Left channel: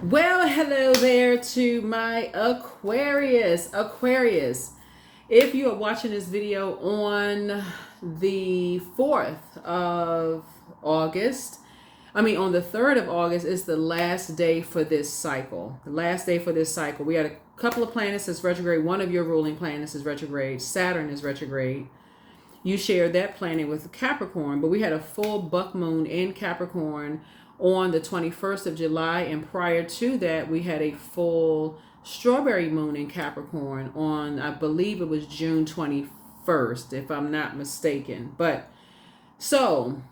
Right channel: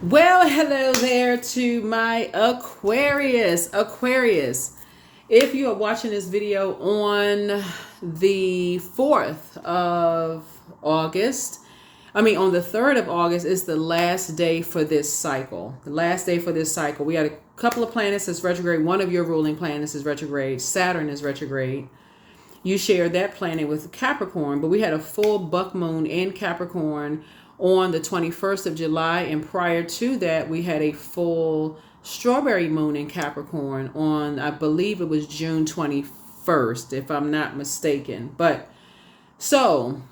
Well, hello there to my Aquarius. If you are watching this video on the 4th of August, on the 3rd of August is the last day for this cycle. The last day for this cycle. We had a couple of planets that's retrograde. One of your ruling planets is retrograde. Saturn is retrograde. You shared that planet with Capricorn, but we had a full buck moon in Capricorn on the 21st of July, and prior to that we had a full strawberry moon in Capricorn on, I believe it was June 21st, if I'm not mistaken. But so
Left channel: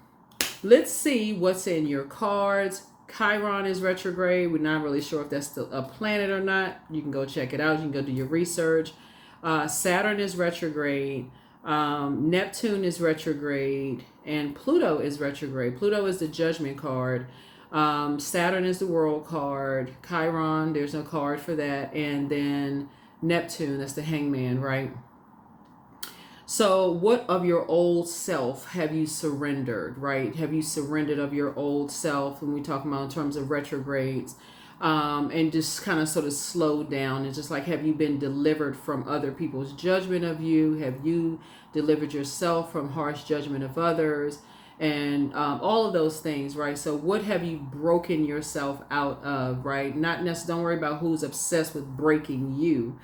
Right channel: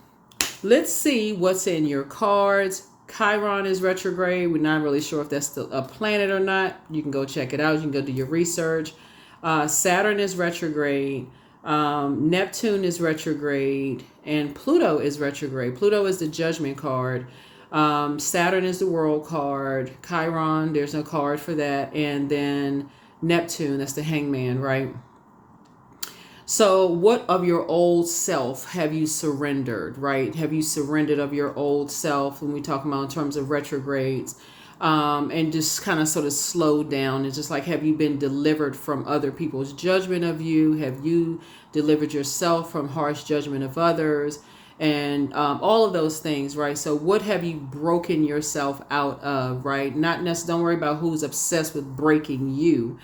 let's see what's in your cards. Chiron is retrograde. We're not really sure if that's still a planet or not. You can go check it out. You can go do your research. Saturn is retrograde. Neptune is retrograde, and Pluto is retrograde. Pluto is the judgment card. Saturn is the world card. Chiron, there's no card for that. And then Neptune, that's the hangman, right? So what of your old self have you surrendered, right? Have you surrendered of your old self when we talk about in terms of retrogrades? And just kind of sort of slow down and just like, have you been delivered from other people's judgment of you? Have you delivered yourself from harsh judgment of others? And all of those things, right? So what have you broken yourself out of, right? Not necessarily, don't worry about who's obsessed with breaking you.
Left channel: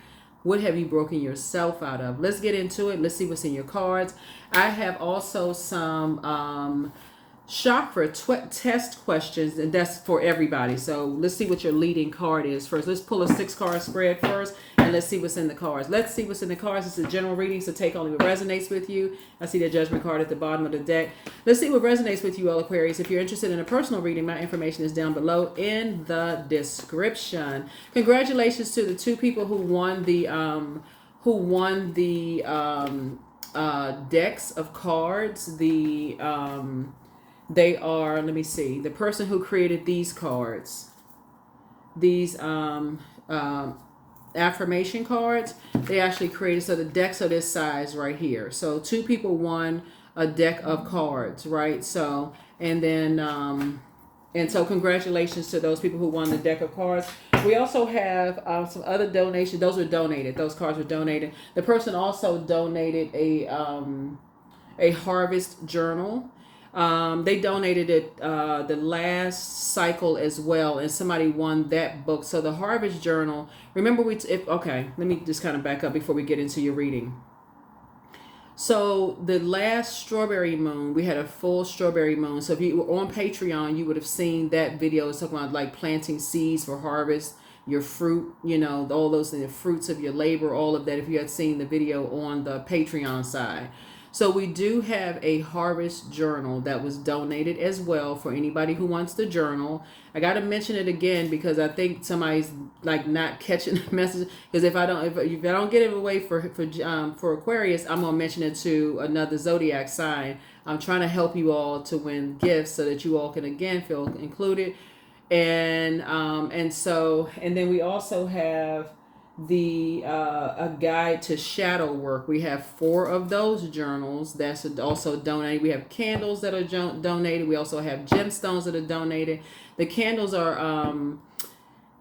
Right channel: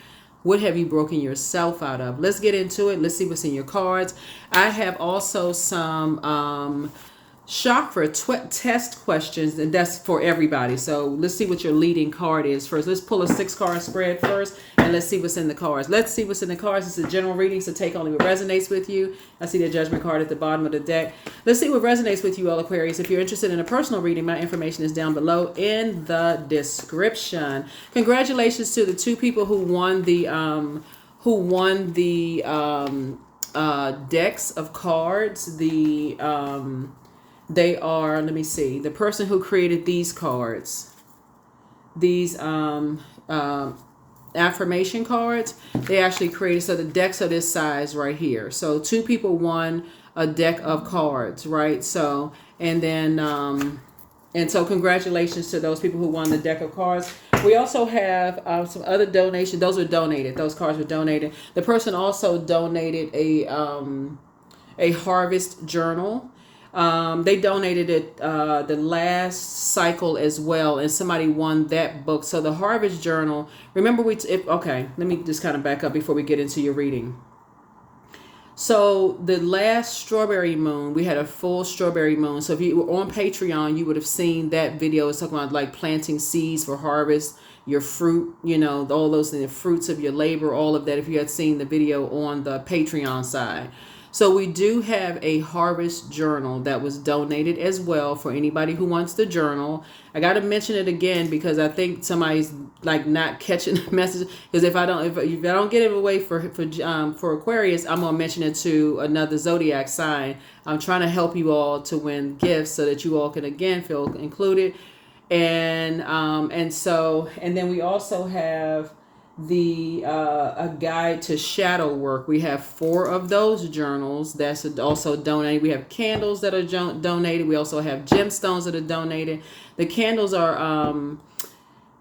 What have you broken yourself out of? Let's get into it. Let's see what's in your cards. I have also some chakra test questions, and that's for everybody. So let's see what your leading card is first. Let's pull a 6-card spread first, and let's see what's in the cards. Let's see what's in the cards. It's a general reading, so take only what resonates with you. I see the judgment card at the bottom of the deck. Let's see what resonates with you, all Aquarius. If you're interested in a personal reading, my information is down below in the description. Congratulations to the 2 people who won the decks of cards. They are, let me see, the person who created these cards, these affirmation cards, they actually created, so the decks are this size right here. So 2 people won a deck of cards, right? So, and then, and so congratulations to those people who won the deck of cards. We also have some other donations. Those were donated. Those cards were donated. The person also donated a harvest journal. They donated it the last cycle as well, and somebody won that book. So the Harvest Journal. Remember, okay, let me just kind of back up before we get into your reading. So the last strawberry moon, we had a full strawberry moon. So if you were on Patreon, you would have seen that video. It's talking about like planting seeds for harvest, your fruit, all those things, the fruits of your labor, all of that. If you had seen the video on the Patreon side. So we do have a harvest journal that was donated as well for anybody who wants the journal. I got to mention it again because I think somebody's like not catching the message. Because if I don't get it away for Aquarius, I'm gonna mention it to another Zodiac sign. I'm trying to help you all to win gifts so that you all can again feel included. And then we also have a guide to shadow work. We have 4 of those journals that's also donated. We have candles that are donated. We also have gemstones that are donated. The candles are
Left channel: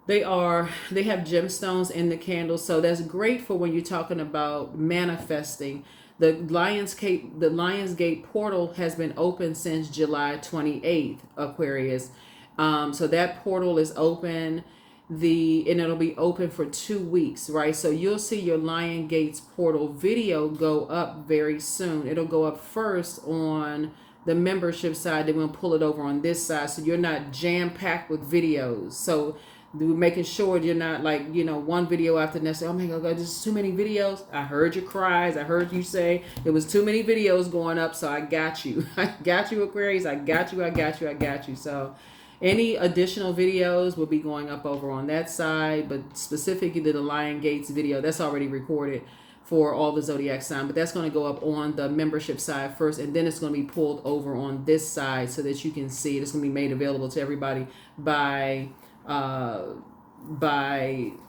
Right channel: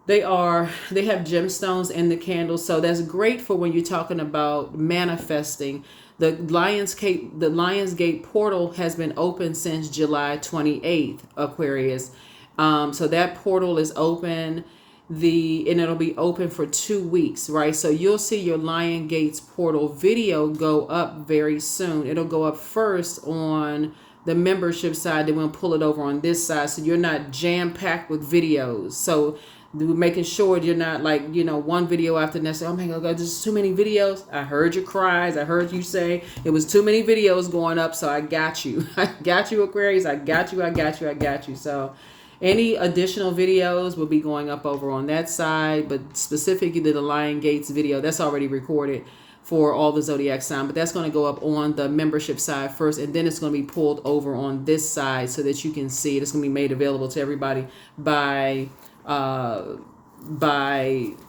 they have gemstones in the candles, so that's great for when you're talking about manifesting. The Lionsgate portal has been open since July 28th, Aquarius. So that portal is open. And it'll be open for 2 weeks, right? So you'll see your Lion Gates portal video go up very soon. It'll go up first on the membership side, then we'll pull it over on this side, so you're not jam-packed with videos. So we're making sure you're not like, one video after the next. Oh my God, there's too many videos. I heard your cries. I heard you say it was too many videos going up, so I got you. I got you, Aquarius. I got you. So any additional videos will be going up over on that side, but specifically the Lion Gates video, that's already recorded for all the Zodiac sign, but that's going to go up on the membership side first, and then it's going to be pulled over on this side so that you can see it. It's going to be made available to everybody by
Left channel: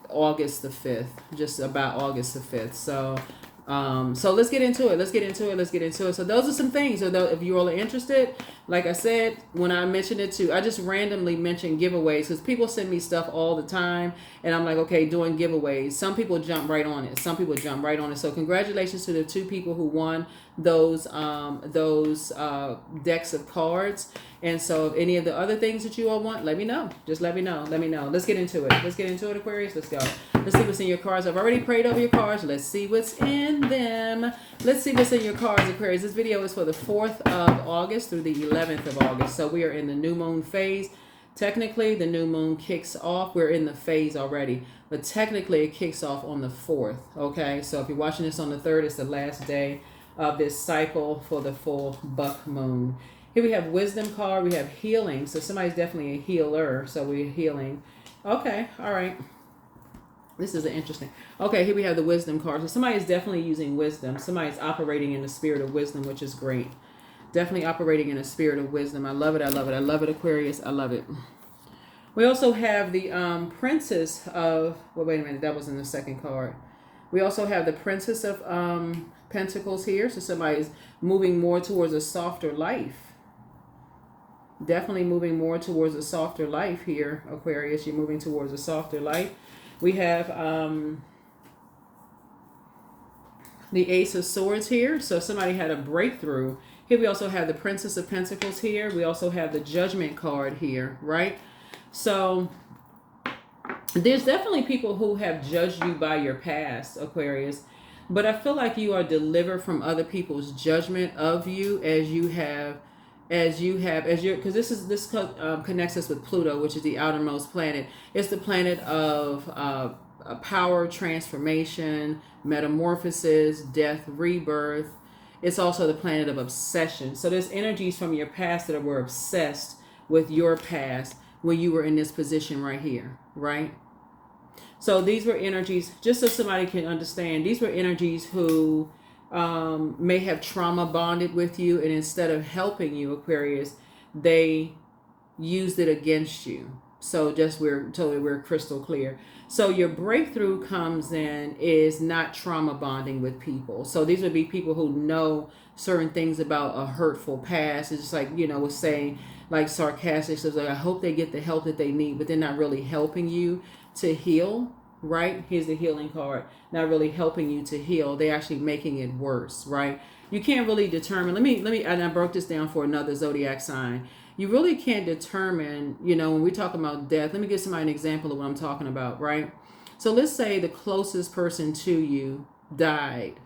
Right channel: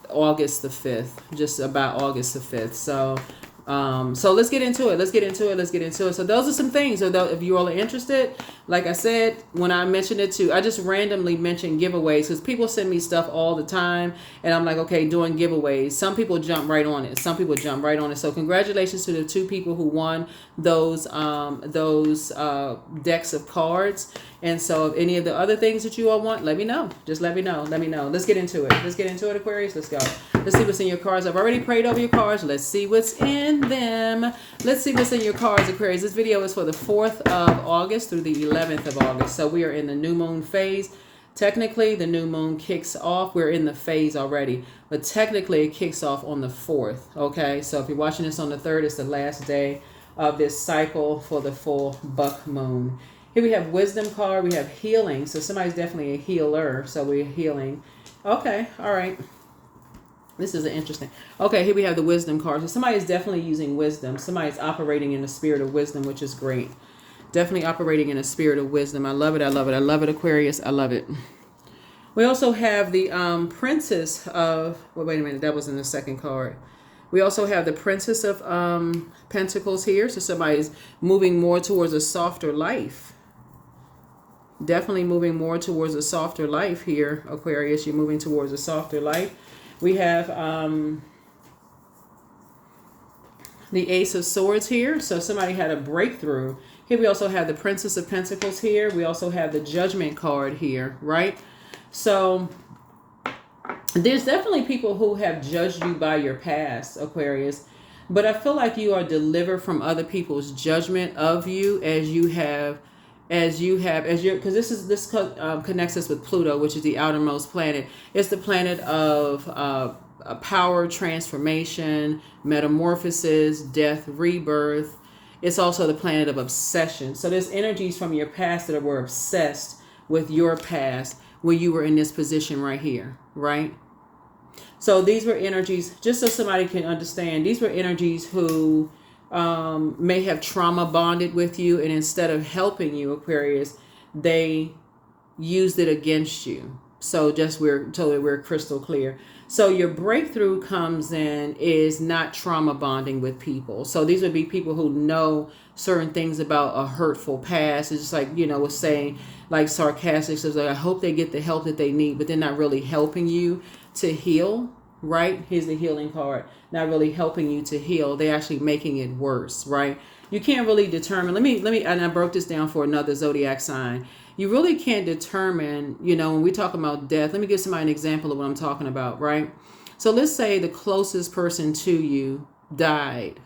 August the 5th, just about August the 5th. So So let's get into it. Let's get into it. Let's get into it. So those are some things. So if you all are interested, like I said, when I mentioned it too, I just randomly mentioned giveaways because people send me stuff all the time, and I'm like, okay, doing giveaways. Some people jump right on it. Some people jump right on it. So congratulations to the 2 people who won those decks of cards. And so if any of the other things that you all want, let me know. Just let me know. Let me know. Let's get into it. Let's get into it, Aquarius. Let's go. Let's see what's in your cards. I've already prayed over your cards. Let's see what's in them. Let's see what's in your cards, Aquarius. This video is for the 4th of August through the 11th of August. So we are in the new moon phase. Technically, the new moon kicks off. We're in the phase already. But technically, it kicks off on the 4th. Okay? So if you're watching this on the 3rd, it's the last day of this cycle for the full buck moon. Here we have wisdom card. We have healing. So somebody's definitely a healer. So we're healing. Okay. All right. This is interesting. Okay. Here we have the wisdom card. So somebody's definitely using wisdom. Somebody's operating in the spirit of wisdom, which is great. Definitely operating in a spirit of wisdom. I love it. I love it. I love it, Aquarius. I love it. We also have the princess of... Well, wait a minute. That was in the second card. We also have the Princess of Pentacles here. So somebody's moving more towards a softer life. Definitely moving more towards a softer life here, Aquarius. You're moving towards a softer life. We have the Ace of Swords here. So somebody had a breakthrough. Here we also have the Princess of Pentacles here. We also have the Judgment card here, right? So there's definitely people who have judged you by your past, Aquarius. But I feel like you are delivered from other people's judgment of you because this connects us with Pluto, which is the outermost planet. It's the planet of power, transformation, metamorphosis, death, rebirth. It's also the planet of obsession. So there's energies from your past that were obsessed with your past when you were in this position right here, right? So these were energies, just so somebody can understand, these were energies who may have trauma bonded with you, and instead of helping you, Aquarius, they used it against you. So just we're crystal clear. So your breakthrough comes in is not trauma bonding with people. So these would be people who know certain things about a hurtful past. It's just like, was saying, like sarcastic, so like, I hope they get the help that they need, but they're not really helping you to heal, right? Here's the healing card. Not really helping you to heal. They're actually making it worse, right? You can't really determine. Let me, and I broke this down for another zodiac sign. You really can't determine, when we talk about death. Let me give somebody an example of what I'm talking about, right? So let's say the closest person to you died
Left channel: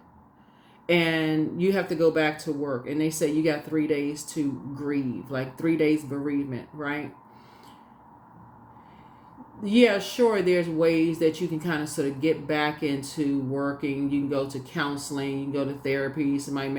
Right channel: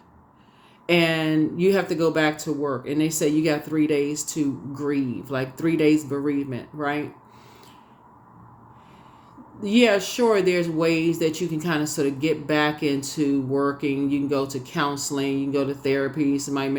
and you have to go back to work, and they say you got 3 days to grieve, like 3 days bereavement, right? Yeah, sure, there's ways that you can kind of sort of get back into working. You can go to counseling, you can go to therapy. Somebody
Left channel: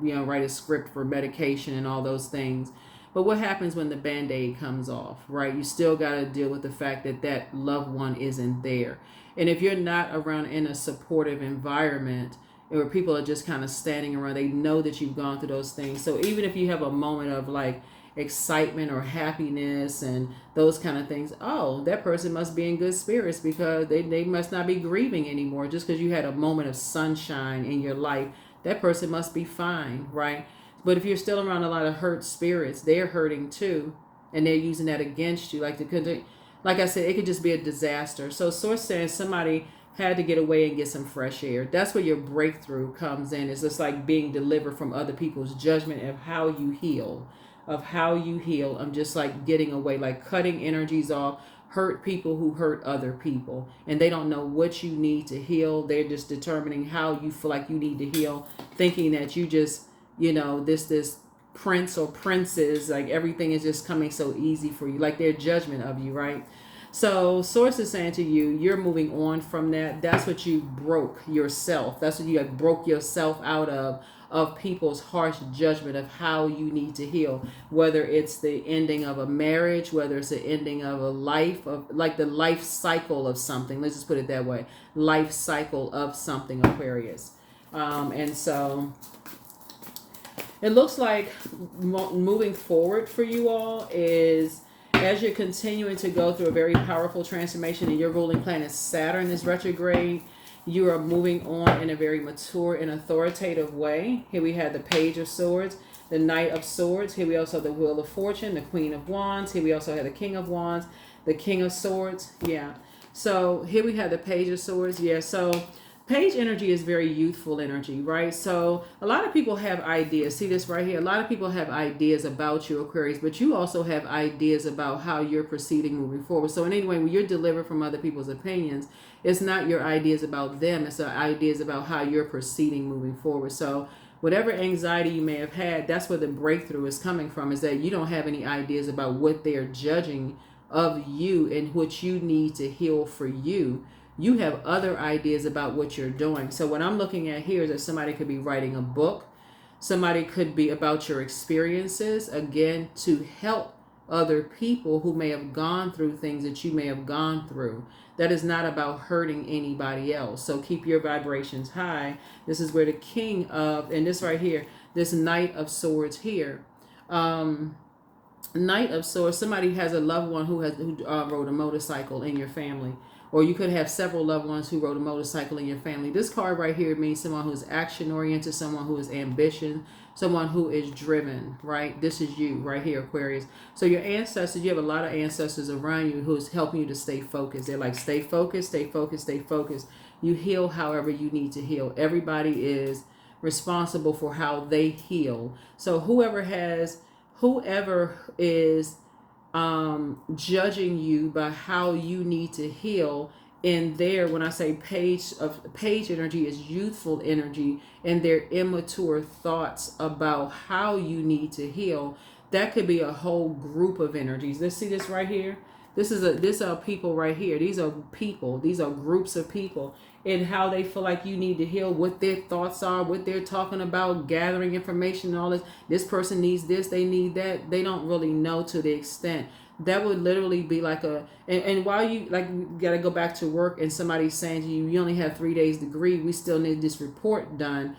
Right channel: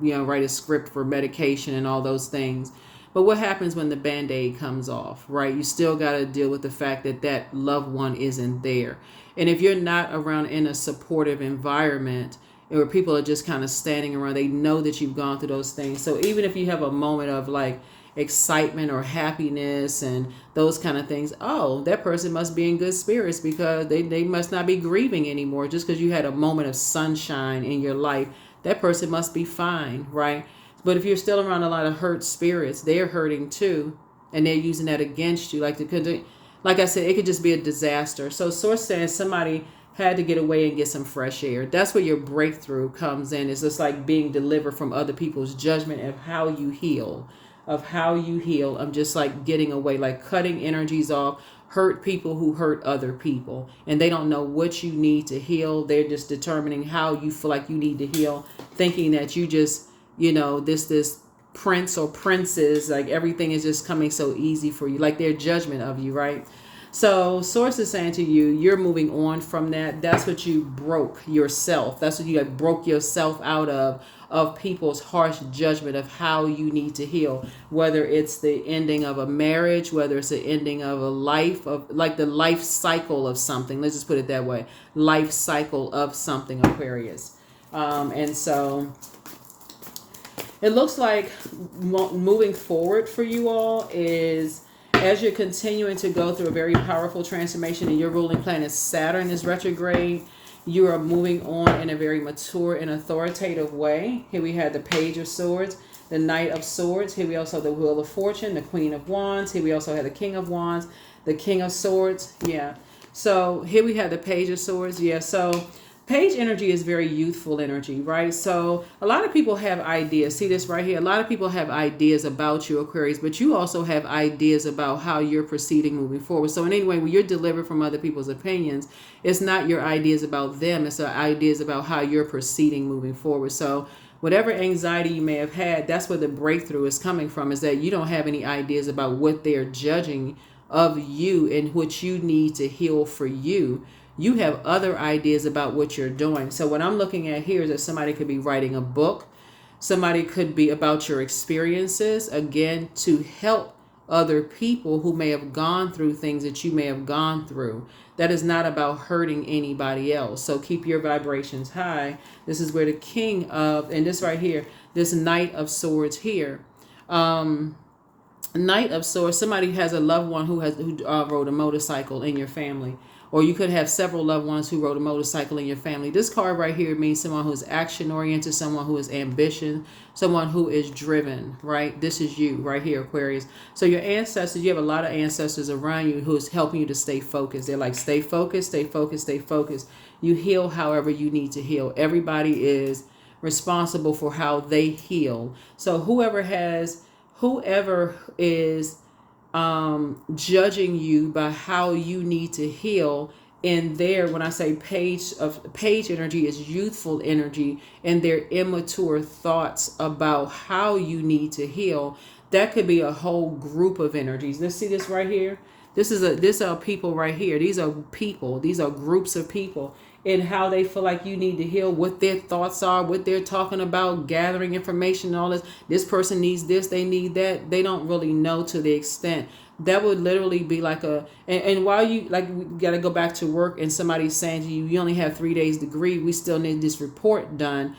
may, write a script for medication and all those things. But what happens when the Band-Aid comes off, right? You still got to deal with the fact that that loved one isn't there. And if you're not around in a supportive environment where people are just kind of standing around, they know that you've gone through those things. So even if you have a moment of like excitement or happiness and those kind of things, oh, that person must be in good spirits because they must not be grieving anymore. Just because you had a moment of sunshine in your life, that person must be fine, right? But if you're still around a lot of hurt spirits, they're hurting too, and they're using that against you. Like I said, it could just be a disaster. So Source says somebody had to get away and get some fresh air. That's where your breakthrough comes in. It's just like being delivered from other people's judgment of how you heal. I'm just like getting away, like cutting energies off, hurt people who hurt other people. And they don't know what you need to heal. They're just determining how you feel like you need to heal, thinking that you just, this prince or princess, like everything is just coming so easy for you, like their judgment of you, right? So Source is saying to you, you're moving on from that. That's what you broke yourself. That's what you broke yourself out of people's harsh judgment of how you need to heal, whether it's the ending of a marriage, whether it's the ending of a life, of like the life cycle of something. Let's just put it that way. Life cycle of something, Aquarius. And so it looks like moving forward for you all is as you're continuing to go through a very powerful transformation and your ruling planet Saturn is retrograde, You are moving on in a very mature and authoritative way. Here we have the Page of Swords, the Knight of Swords. Here we also have the Wheel of Fortune, the Queen of Wands. Here we also have the King of Wands, the King of Swords. Yeah. So here we have the Page of Swords. Yeah. So Page energy is very youthful energy, right? So a lot of people have ideas. See this right here? A lot of people have ideas about you, Aquarius, but you also have ideas about how you're proceeding moving forward. So in any way, when you're delivered from other people's opinions, it's not your ideas about them. It's the ideas about how you're proceeding moving forward. So whatever anxiety you may have had, that's where the breakthrough is coming from, is that you don't have any ideas about what they're judging of you and what you need to heal for you. You have other ideas about what you're doing. So what I'm looking at here is that somebody could be writing a book. Somebody could be about your experiences, again, to help other people who may have gone through things that you may have gone through. That is not about hurting anybody else. So keep your vibrations high. This is where the King of, and this right here, this Knight of Swords here. Knight of Swords, somebody has a loved one who rode a motorcycle in your family. Or you could have several loved ones who rode a motorcycle in your family. This card right here means someone who is action-oriented, someone who is ambition, someone who is driven, right? This is you right here, Aquarius. So your ancestors, you have a lot of ancestors around you who's helping you to stay focused. They're like, stay focused, stay focused, stay focused. You heal however you need to heal. Everybody is responsible for how they heal. So whoever is judging you by how you need to heal, in there, when I say page energy is youthful energy, and their immature thoughts about how you need to heal. That could be a whole group of energies. Let's see this right here. These are people right here. These are people. These are groups of people, and how they feel like you need to heal, what their thoughts are, what they're talking about, gathering information, all this. This person needs this, they need that. They don't really know to the extent. That would literally be like and while you, like, we got to go back to work and somebody's saying to you, you only have 3 days degree, we still need this report done.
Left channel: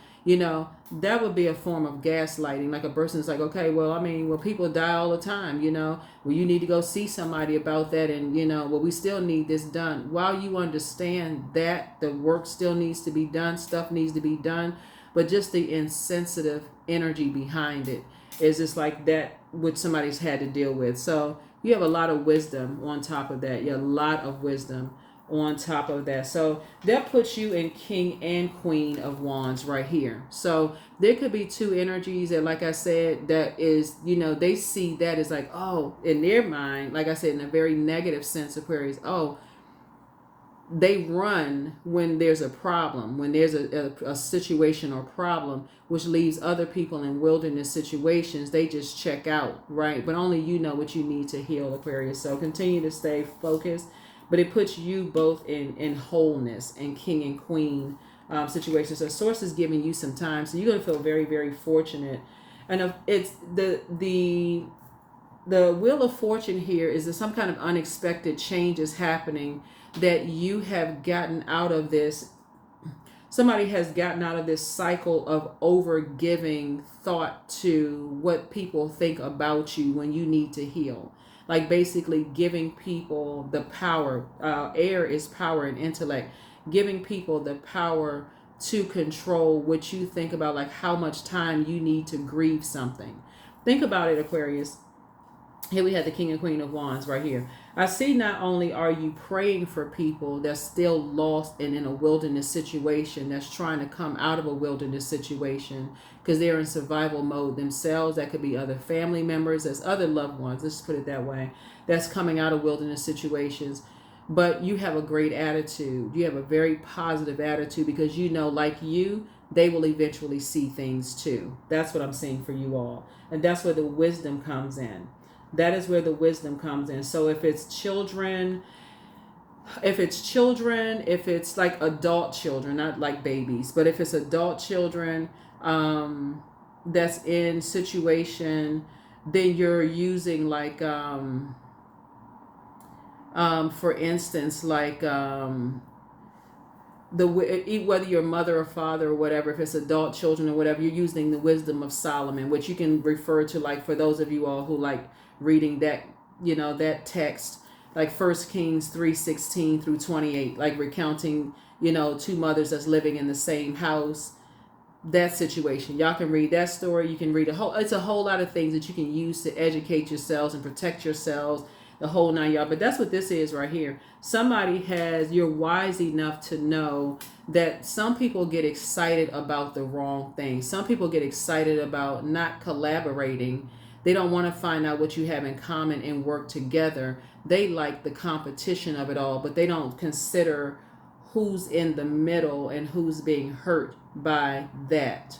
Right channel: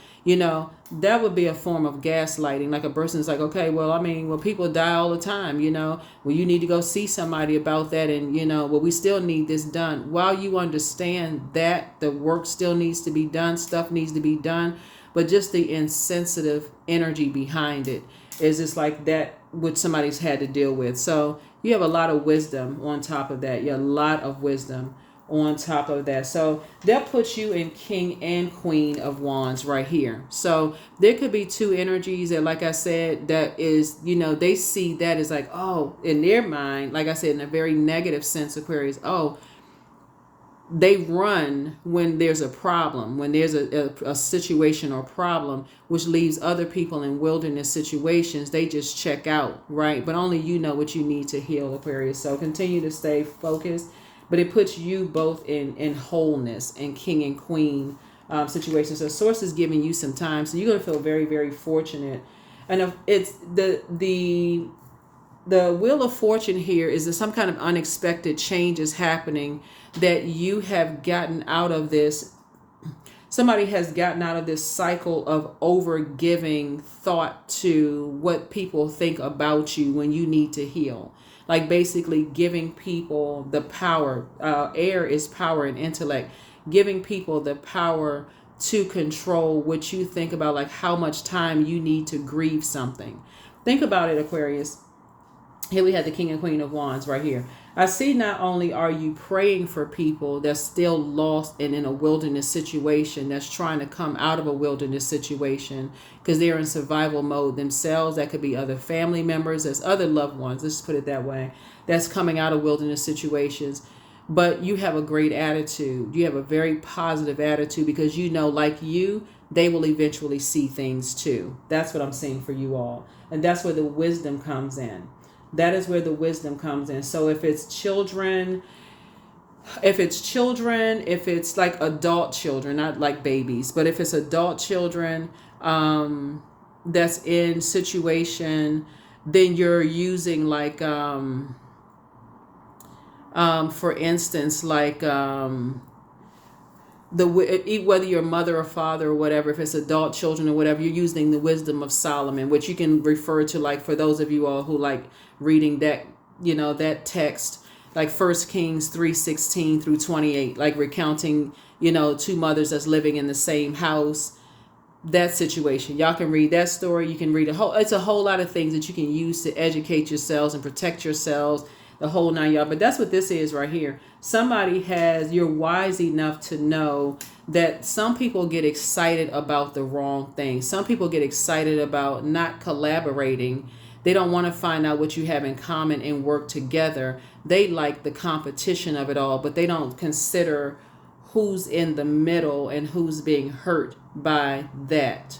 That would be a form of gaslighting. Like a person's like, okay, well, people die all the time, well, you need to go see somebody about that. And, well, we still need this done. While you understand that the work still needs to be done, stuff needs to be done, but just the insensitive energy behind it is just like that, what somebody's had to deal with. So you have a lot of wisdom on top of that. You have a lot of wisdom on top of that. So that puts you in King and Queen of Wands right here. So there could be two energies that, like I said, that is, they see that as like, oh, in their mind, like I said, in a very negative sense, Aquarius, oh, they run when there's a problem, when there's a situation or problem, which leaves other people in wilderness situations. They just check out, right? But only you know what you need to heal, Aquarius. So continue to stay focused. But it puts you both in wholeness and King and Queen situations. So Source is giving you some time. So you're going to feel very, very fortunate. And it's the Wheel of Fortune here is that some kind of unexpected change is happening, that you have gotten out of this. Somebody has gotten out of this cycle of over giving thought to what people think about you when you need to heal. Like basically giving people the power. Air is power and intellect. Giving people the power to control what you think about, like how much time you need to grieve something. Think about it, Aquarius. Here we have the King and Queen of Wands right here. I see not only are you praying for people that's still lost and in a wilderness situation, that's trying to come out of a wilderness situation because they're in survival mode themselves. That could be other family members, there's other loved ones, let's put it that way, that's coming out of wilderness situations. But you have a great attitude. You have a very positive attitude because like you, they will eventually see things too. That's what I'm saying for you all. And that's where the wisdom comes in. That is where the wisdom comes in. So if it's children, if it's like adult children, not like babies, but if it's adult children that's in situation, then you're using like, for instance, like whether you're mother or father or whatever, if it's adult children or whatever, you're using the wisdom of Solomon, which you can refer to, like, for those of you all who like reading that, that text, like 1 Kings 3:16 through 28, like recounting, two mothers that's living in the same house. That situation, y'all can read that story. You can read it's a whole lot of things that you can use to educate yourselves and protect yourselves, the whole nine y'all. But that's what this is right here. You're wise enough to know that some people get excited about the wrong thing. Some people get excited about not collaborating. They don't want to find out what you have in common and work together. They like the competition of it all, but they don't consider who's in the middle and who's being hurt by that.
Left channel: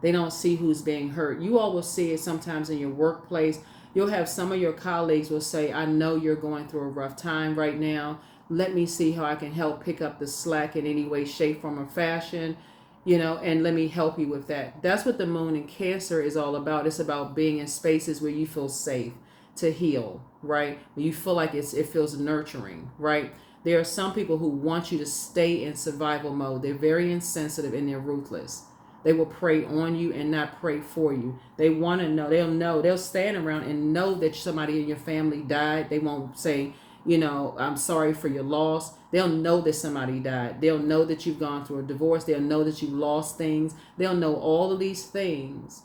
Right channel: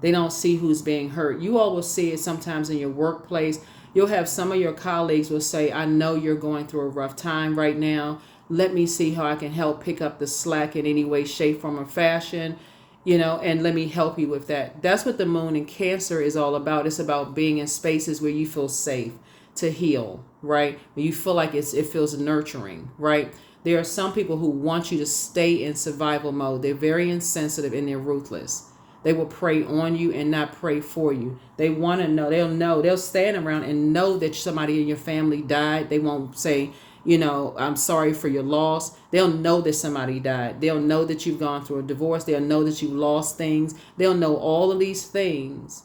They don't see who's being hurt. You all will see it sometimes in your workplace. You'll have some of your colleagues will say, I know you're going through a rough time right now. Let me see how I can help pick up the slack in any way, shape, form, or fashion, and let me help you with that. That's what the moon in Cancer is all about. It's about being in spaces where you feel safe to heal, right? Where you feel like it feels nurturing, right? There are some people who want you to stay in survival mode. They're very insensitive and they're ruthless. They will prey on you and not pray for you. They want to know. They'll stand around and know that somebody in your family died. They won't say, I'm sorry for your loss. They'll know that somebody died. They'll know that you've gone through a divorce. They'll know that you lost things. They'll know all of these things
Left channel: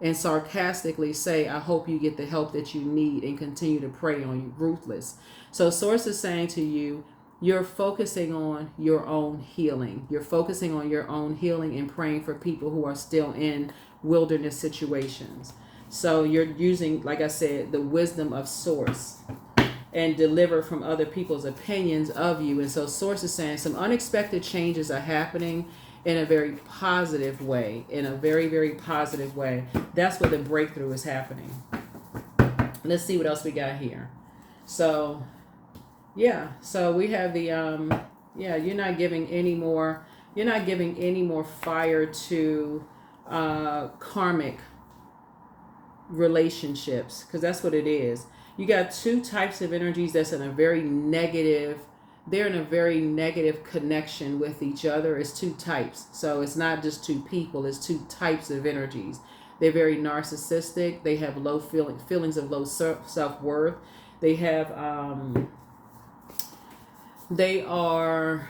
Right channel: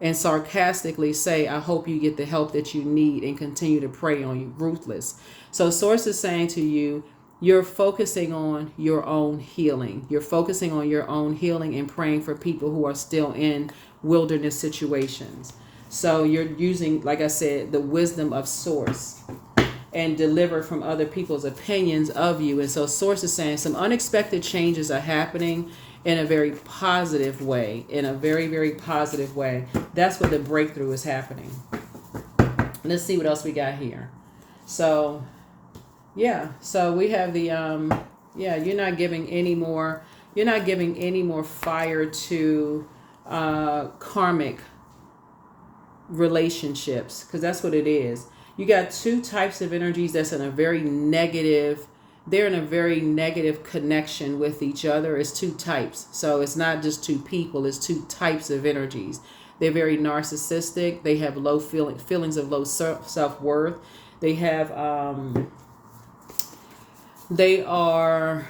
and sarcastically say, I hope you get the help that you need, and continue to prey on you. Ruthless. So Source is saying to you, you're focusing on your own healing. You're focusing on your own healing and praying for people who are still in wilderness situations. So you're using, like I said, the wisdom of Source and deliver from other people's opinions of you. And so Source is saying some unexpected changes are happening in a very positive way, in a very, very positive way. That's where the breakthrough is happening. Let's see what else we got here. So we have the you're not giving any more fire to karmic relationships, because that's what it is. You got two types of energies that's in a very negative, they're in a very negative connection with each other. It's two types. So it's not just two people, it's two types of energies. They're very narcissistic. They have low feelings of low self-worth. They have they are,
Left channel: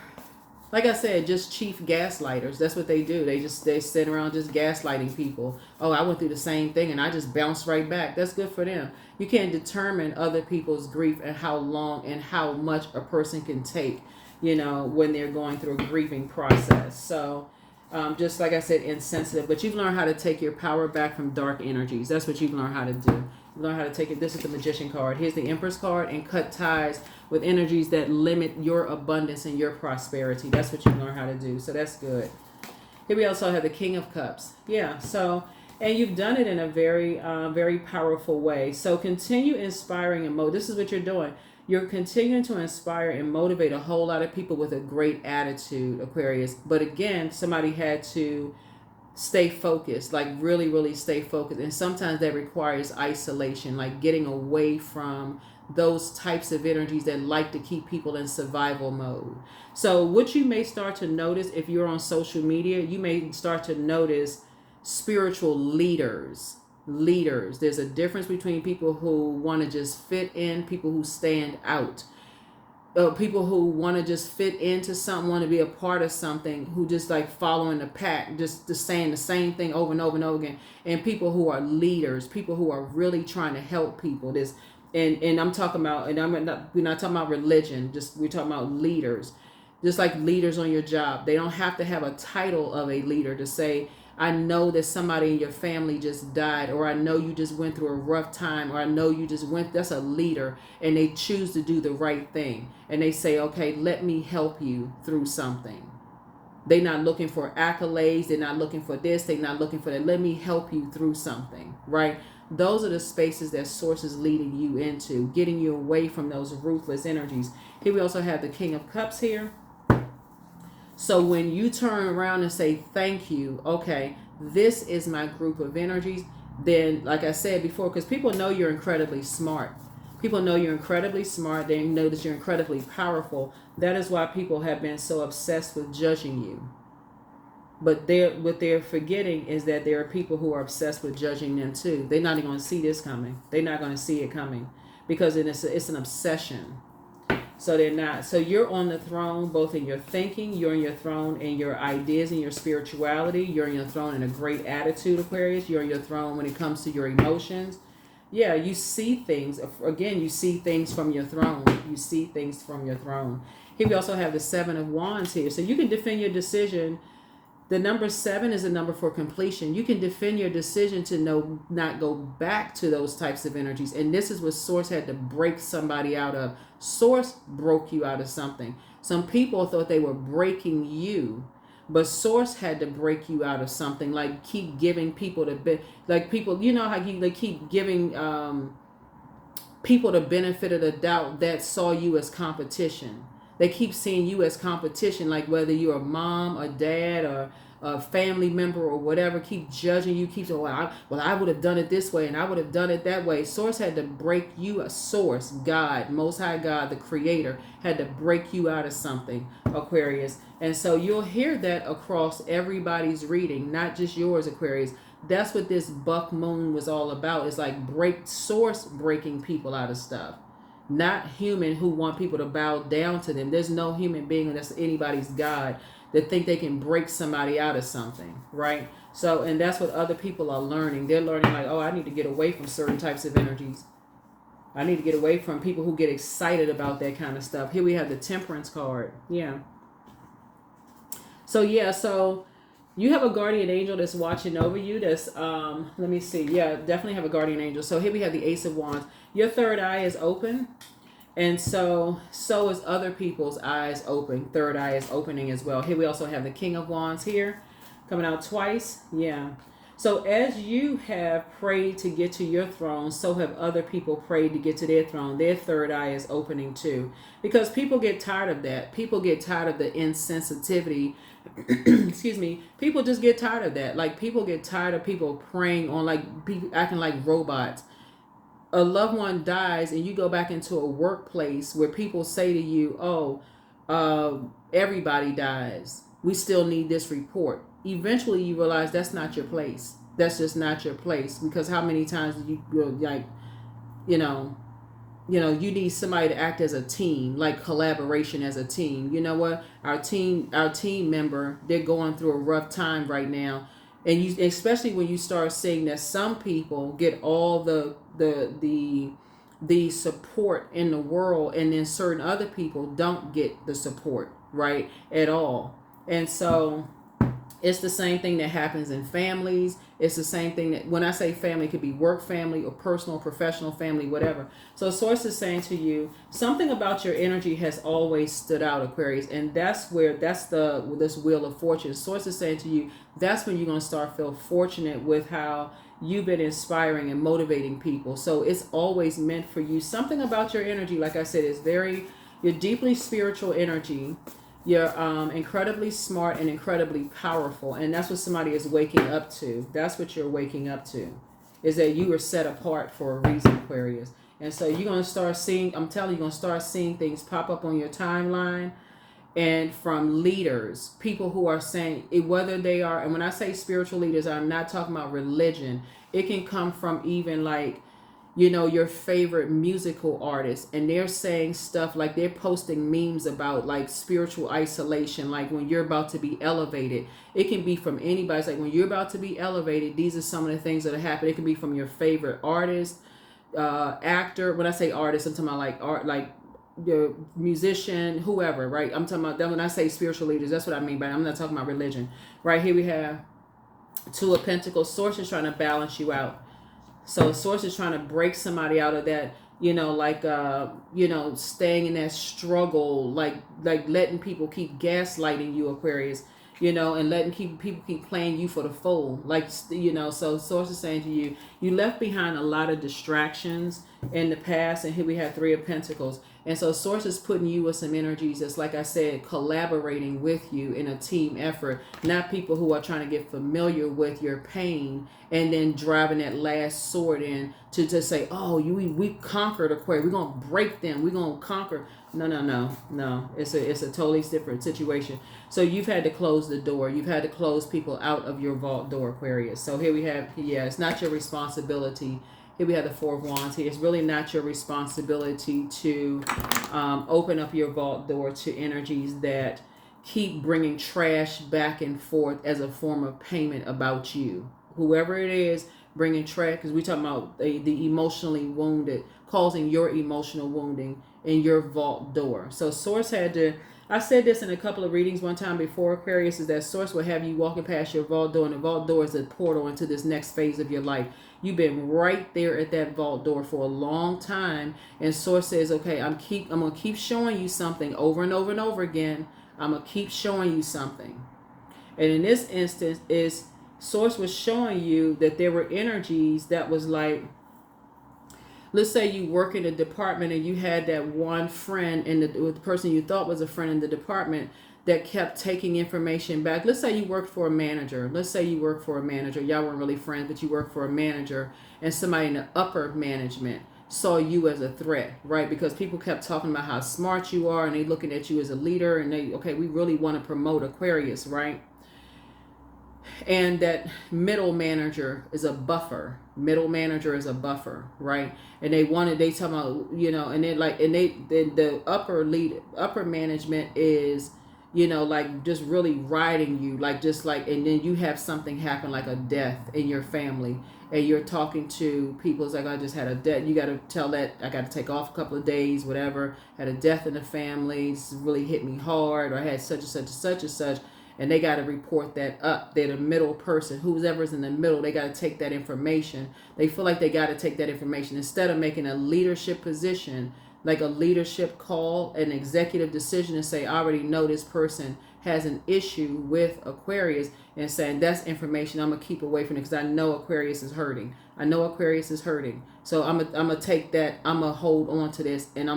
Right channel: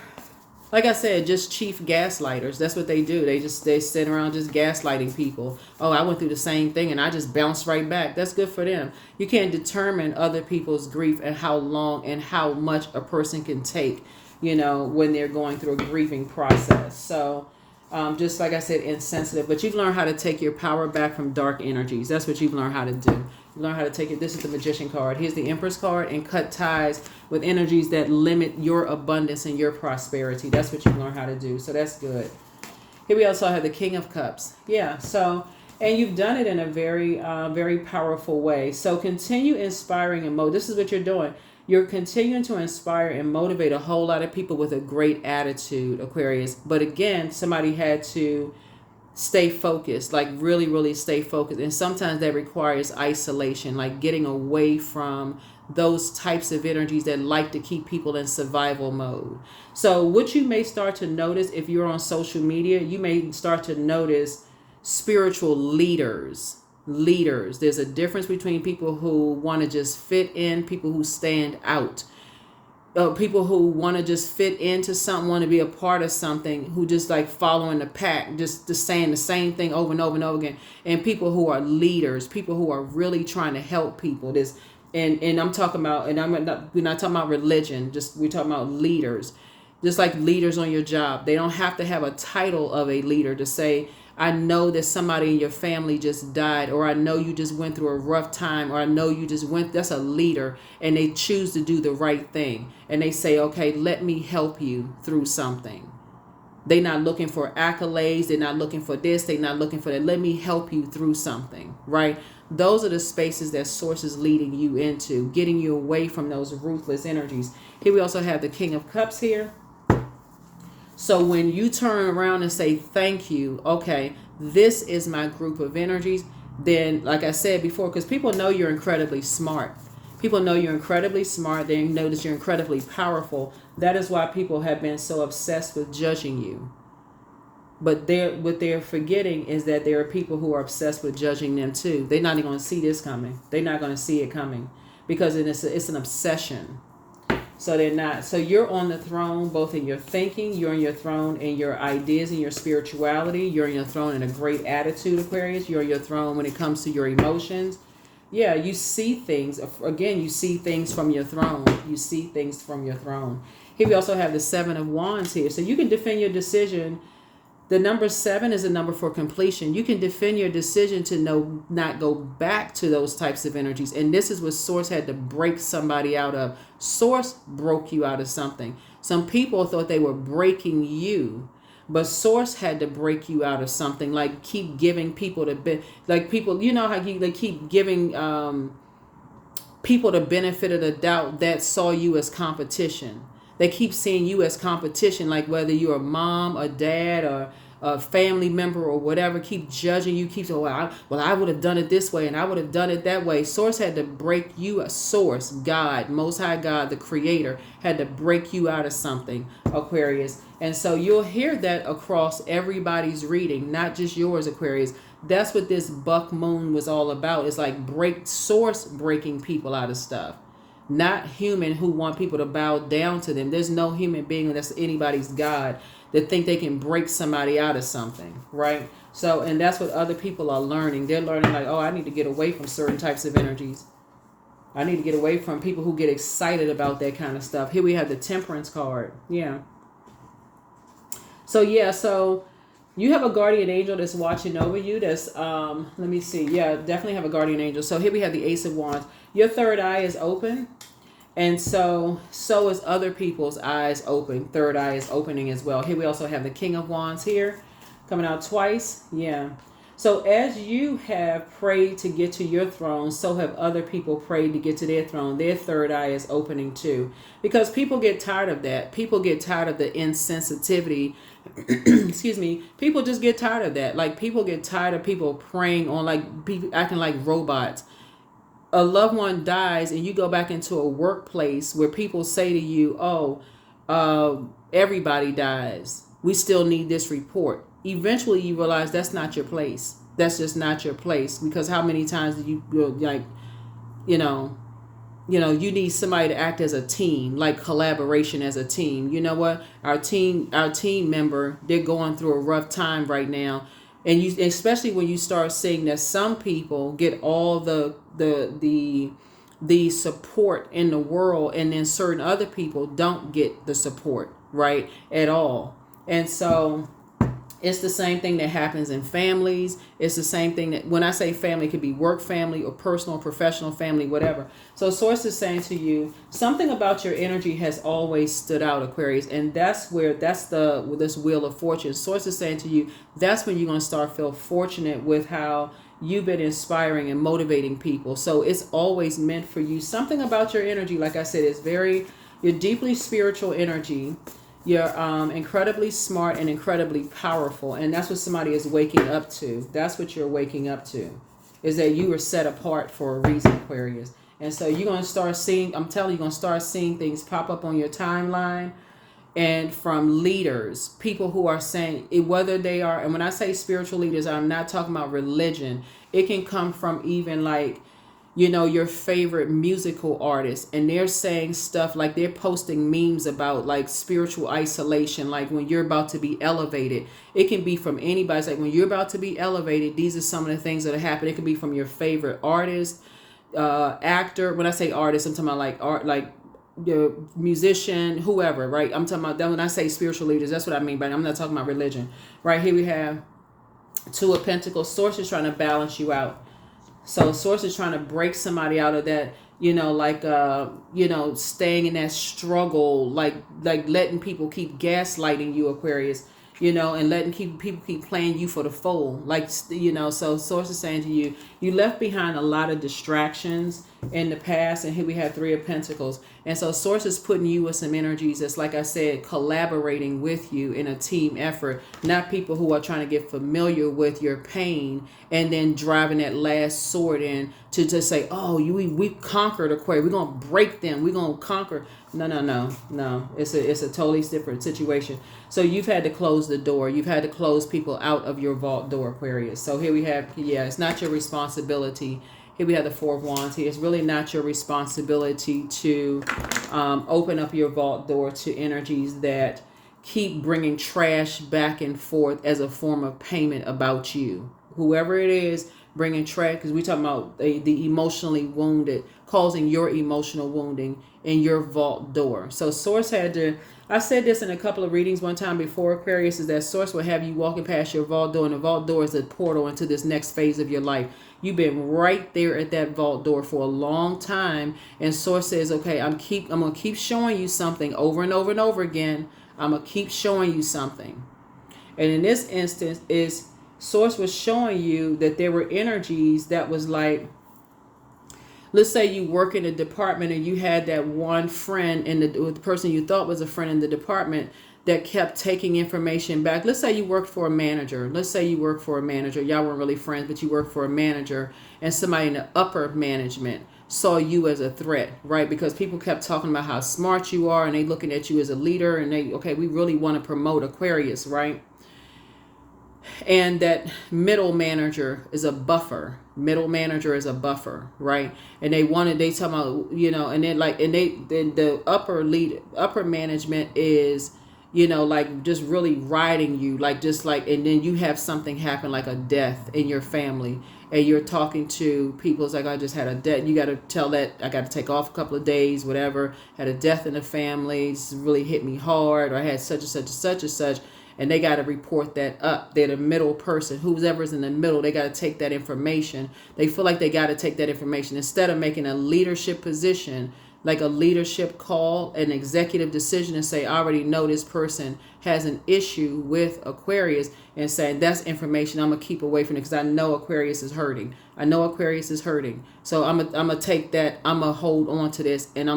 like I said, just chief gaslighters. That's what they do. They sit around just gaslighting people. Oh, I went through the same thing and I just bounced right back. That's good for them. You can't determine other people's grief and how long and how much a person can take, when they're going through a grieving process. So just like I said, insensitive. But you've learned how to take your power back from dark energies. That's what you've learned how to do. You learn how to take it. This is the Magician card. Here's the Empress card, and cut ties with energies that limit your abundance and your prosperity. That's what you learn how to do. So that's good. Here we also have the King of Cups. Yeah. So, and you've done it in a very, very powerful way. So continue inspiring and this is what you're doing. You're continuing to inspire and motivate a whole lot of people with a great attitude, Aquarius. But again, somebody had to stay focused, like really, really stay focused. And sometimes that requires isolation, like getting away from those types of energies that like to keep people in survival mode. So what you may start to notice if you're on social media, you may start to notice spiritual leaders. There's a difference between people who want to just fit in, people who stand out. People who want to just fit into something, want to be a part of something, who just like following the pack, just saying the same thing over and over and over again. And people who are leaders, people who are really trying to help people. And I'm talking about, we're not talking about religion, we're talking about leaders. Just like leaders on your job. They don't have to have a title of a leader to say, I know that somebody in your family just died, or I know you just went through a rough time, or I know you just that's a leader, and they choose to do the right thing. And they say, okay, let me help you through something. They're not looking for accolades. They're not looking for this. They're not looking for that. Let me help you through something, right? Those are the spaces that Source is leading you into, getting you away from those ruthless energies. Here we also have the King of Cups here. So when you turn around and say, thank you, okay, this is my group of energies, then like I said before, because people know you're incredibly smart. People know you're incredibly smart. They know that you're incredibly powerful. That is why people have been so obsessed with judging you. But what they're forgetting is that there are people who are obsessed with judging them too. They're not even going to see this coming. They're not going to see it coming because it's an obsession. So they're not. So you're on the throne, both in your thinking, you're on your throne in your ideas and your spirituality. You're on your throne in a great attitude, Aquarius. You're on your throne when it comes to your emotions. Yeah, you see things. Again, you see things from your throne. You see things from your throne. Here we also have the Seven of Wands here. So you can defend your decision. The number 7 is a number for completion. You can defend your decision to not go back to those types of energies. And this is what Source had to break somebody out of. Source broke you out of something. Some people thought they were breaking you, but Source had to break you out of something. Like keep giving people like people, you know how they keep giving people the benefit of the doubt that saw you as competition. They keep seeing you as competition, like whether you're a mom, a dad, or a family member or whatever, keep judging you, keep saying, well, I would have done it this way and I would have done it that way. Source had to break you, a Source, God, Most High God, the Creator, had to break you out of something, Aquarius. And so you'll hear that across everybody's reading, not just yours, Aquarius. That's what this buck moon was all about. It's like Source breaking people out of stuff. Not human who want people to bow down to them. There's no human being that's anybody's God that think they can break somebody out of something, right? So, and that's what other people are learning. They're learning like, oh, I need to get away from certain types of energies. I need to get away from people who get excited about that kind of stuff. Here we have the Temperance card. Yeah. So you have a guardian angel that's watching over you. That's, let me see. Yeah, definitely have a guardian angel. So here we have the Ace of Wands. Your third eye is open. And so is other people's eyes open. Third eye is opening as well. Here we also have the King of Wands here coming out twice. Yeah. So as you have prayed to get to your throne, so have other people prayed to get to their throne. Their third eye is opening too. Because people get tired of that. People get tired of the insensitivity. Excuse me. People just get tired of that. Like people get tired of people praying on like people acting like robots. A loved one dies and you go back into a workplace where people say to you, everybody dies. We still need this report. Eventually you realize that's not your place. That's just not your place. Because how many times do you like, you need somebody to act as a team, like collaboration as a team. You know what? Our team member, they're going through a rough time right now. And you, especially when you start seeing that some people get all the support in the world, and then certain other people don't get the support, right, at all. And so it's the same thing that happens in families. It's the same thing that when I say family, it could be work family or personal, professional family, whatever. So Source is saying to you, something about your energy has always stood out, Aquarius. And that's this Wheel of Fortune. Source is saying to you, that's when you're going to start feel fortunate with how you've been inspiring and motivating people. So it's always meant for you. Something about your energy, like I said, is you're deeply spiritual energy. You're incredibly smart and incredibly powerful. And that's what somebody is waking up to. That's what you're waking up to, is that you were set apart for a reason, Aquarius. And so you're going to start seeing, I'm telling you, you're going to start seeing things pop up on your timeline, and from leaders, people who are saying, whether they are, and when I say spiritual leaders, I'm not talking about religion. It can come from even like, your favorite musical artists, and they're saying stuff like they're posting memes about like spiritual isolation, like when you're about to be elevated. It can be from anybody. It's like when you're about to be elevated, these are some of the things that happen. It can be from your favorite artist, actor. When I say artist, I'm talking about like art, like the musician, whoever, right? I'm talking about that. When I say spiritual leaders, that's what I mean by it. I'm not talking about religion. Right here we have Two of Pentacles. Source is trying to balance you out. So Source is trying to break somebody out of that, staying in that struggle, like letting people keep gaslighting you, Aquarius, and letting people keep playing you for the fool. Like, so Source is saying to you, you left behind a lot of distractions in the past. And here we have Three of Pentacles. And so Source is putting you with some energies that's, like I said, collaborating with you in a team effort, not people who are trying to get familiar with your pain and then driving that last sword in to just say, oh, we conquered Aquarius. We're going to break them. We're going to conquer. No. It's a totally different situation. So you've had to close the door. You've had to close people out of your vault door, Aquarius. So here we have, it's not your responsibility Here we have the Four of Wands here. It's really not your responsibility to open up your vault door to energies that keep bringing trash back and forth as a form of payment about you. Whoever it is bringing trash, because we talking about the emotionally wounded, causing your emotional wounding in your vault door. So Source had to, I said this in a couple of readings one time before, Aquarius, is that Source will have you walking past your vault door, and the vault door is a portal into this next phase of your life. You've been right there at that vault door for a long time, and Source says, okay, I'm gonna keep showing you something over and over and over again. I'm gonna keep showing you something. And in this instance, is Source was showing you that there were energies that was like, let's say you work in a department and you had that one friend in the person you thought was a friend in the department that kept taking information back. Let's say you worked for a manager. Y'all weren't really friends, but you worked for a manager, and somebody in the upper management saw you as a threat, right? Because people kept talking about how smart you are, and they looking at you as a leader, and we really want to promote Aquarius, right? And that middle manager is a buffer. Right? And they talk about, and then the upper management is, like just really riding you, and then you have something happen, like a death in your family, and you're talking to people, it's like, I just had a death. You got to tell that I got to take off a couple of days, whatever, had a death in the family, it's really hit me hard, or I had such and such and such and such. And they got to report that up. They're the middle person. Whoever's in the middle, they got to take that information. They feel like they got to take that information. Instead of making a leadership position, like a leadership call, an executive decision, and say, I already know this person has an issue with Aquarius, and saying, that's information I'm going to keep away from it because I know Aquarius is hurting. So I'm going to take that. I'm going to hold on to this, and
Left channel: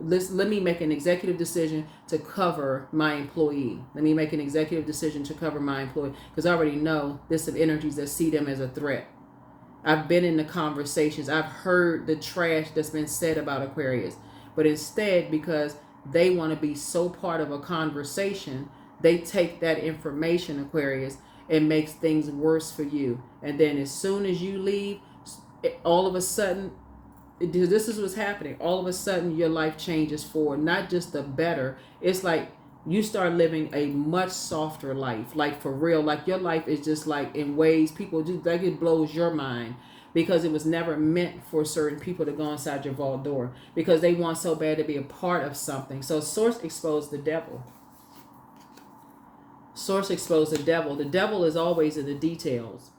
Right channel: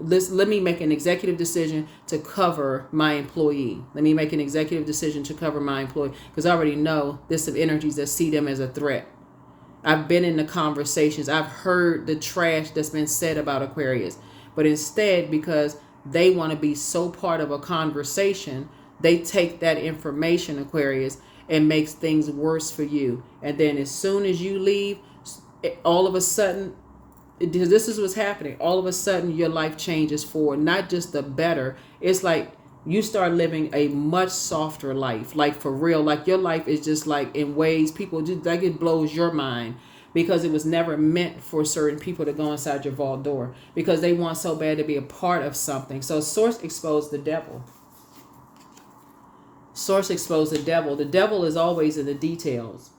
let me make an executive decision to cover my employee. Because I already know this of energies that see them as a threat. I've been in the conversations. I've heard the trash that's been said about Aquarius. But instead, because they want to be so part of a conversation, they take that information, Aquarius, and makes things worse for you. And then as soon as you leave, all of a sudden, this is what's happening. All of a sudden, your life changes for not just the better. It's like you start living a much softer life, like for real. Like your life is just like in ways people just like it blows your mind, because it was never meant for certain people to go inside your vault door because they want so bad to be a part of something. So Source exposed the devil. The devil is always in the details.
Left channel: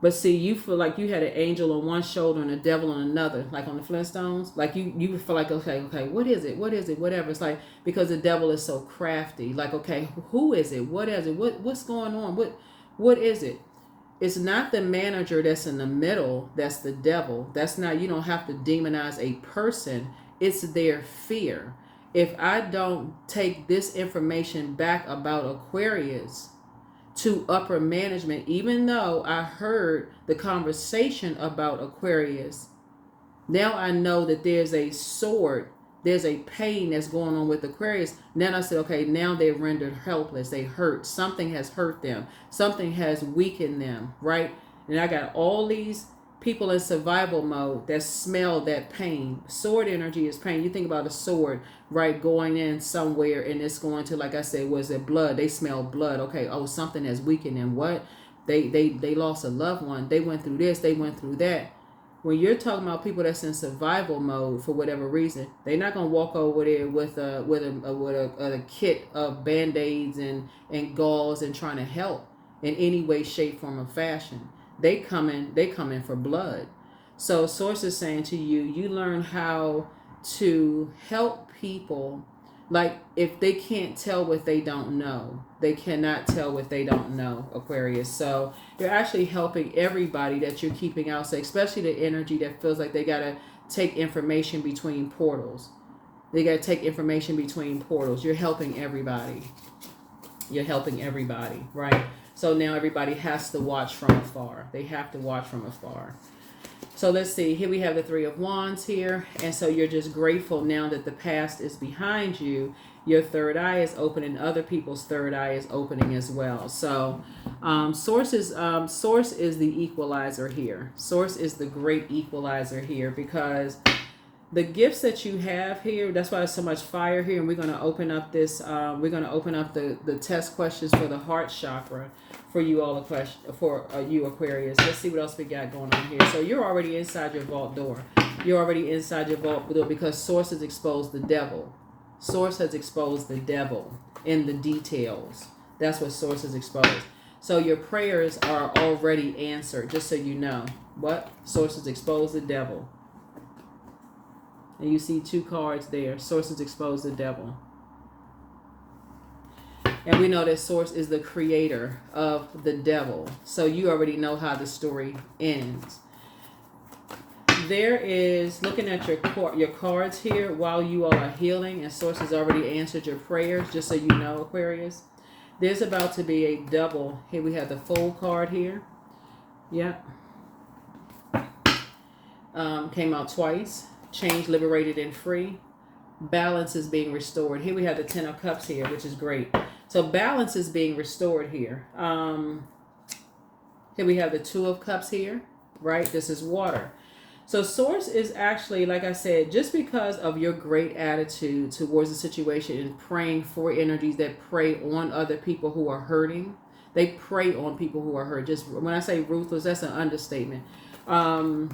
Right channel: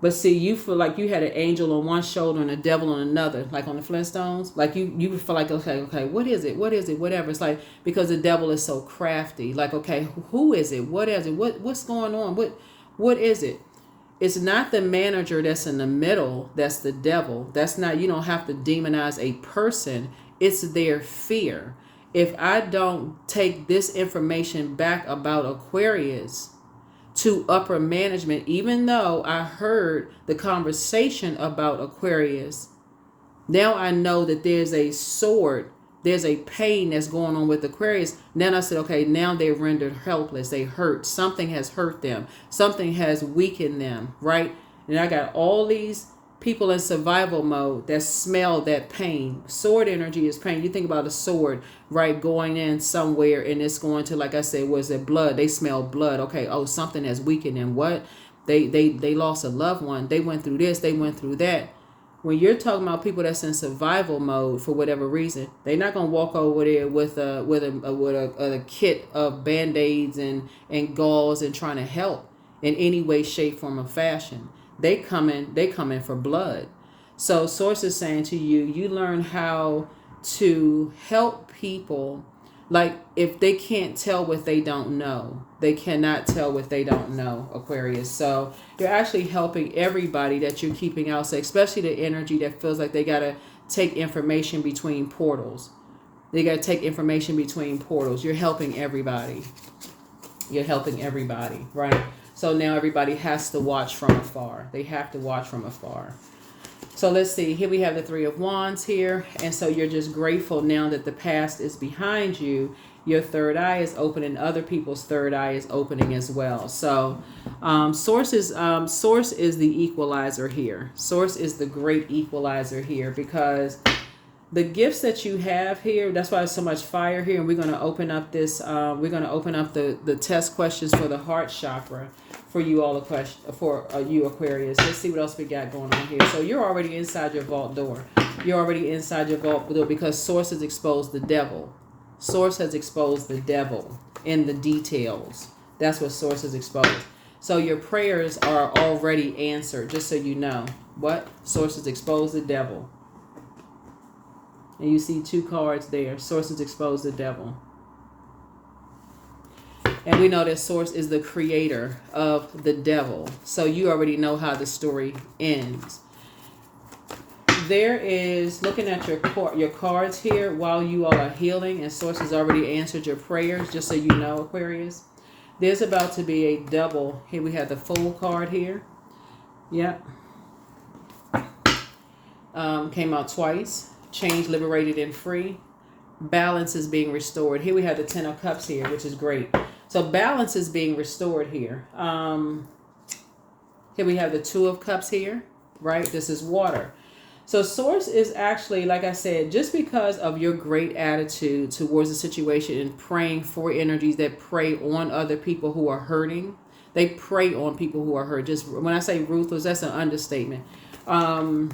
But see, you feel like you had an angel on one shoulder and a devil on another, like on the Flintstones. Like you feel like, okay, what is it, whatever. It's like, because the devil is so crafty. Like, okay, who is it? What is it? What's going on? What is it? It's not the manager that's in the middle. That's the devil. That's not. You don't have to demonize a person. It's their fear. If I don't take this information back about Aquarius to upper management, even though I heard the conversation about Aquarius, now I know that there's a sword, there's a pain that's going on with Aquarius. Then I said, okay, now they're rendered helpless. They hurt. Something has hurt them. Something has weakened them, right? And I got all these people in survival mode that smell that pain. Sword energy is pain. You think about a sword, right, going in somewhere, and it's going to, like I said, was it blood? They smell blood. Okay, oh, something has weakened them. What? They lost a loved one. They went through this. They went through that. When you're talking about people that's in survival mode for whatever reason, they're not gonna walk over there with a kit of Band-Aids and gauze and trying to help in any way, shape, form, or fashion. They come in for blood. So Source is saying to you, you learn how to help people. Like, if they can't tell what they don't know, they cannot tell what they don't know, Aquarius. So you're actually helping everybody that you're keeping out, especially the energy that feels like they got to take information between portals. You're helping everybody. Right? So now everybody has to watch from afar. They have to watch from afar. So let's see. Here we have the Three of Wands here. And so you're just grateful now that the past is behind you. Your third eye is open and other people's third eye is opening as well. So source is the equalizer here. Source is the great equalizer here, because the gifts that you have here, that's why there's so much fire here. And we're going to open up this, we're going to open up the test questions for the heart chakra for you all, for you Aquarius. Let's see what else we got going on here. So you're already inside your vault door. You're already inside your vault door because Source has exposed the devil. Source has exposed the devil in the details. That's what Source has exposed. So your prayers are already answered, just so you know. What? Source has exposed the devil. And you see two cards there. Source has exposed the devil. And we know that Source is the creator of the devil. So you already know how the story ends. There is, looking at your cards here while you all are healing, and Source has already answered your prayers, just so you know, Aquarius. There's about to be a double. Here we have the Fool card here. Yep. Came out twice. Change, liberated, and free. Balance is being restored. Here we have the Ten of Cups here, which is great. So balance is being restored here. Here we have the Two of Cups here, right? This is water. So Source is actually, like I said, just because of your great attitude towards the situation and praying for energies that prey on other people who are hurting. They prey on people who are hurt. Just when I say ruthless, that's an understatement. And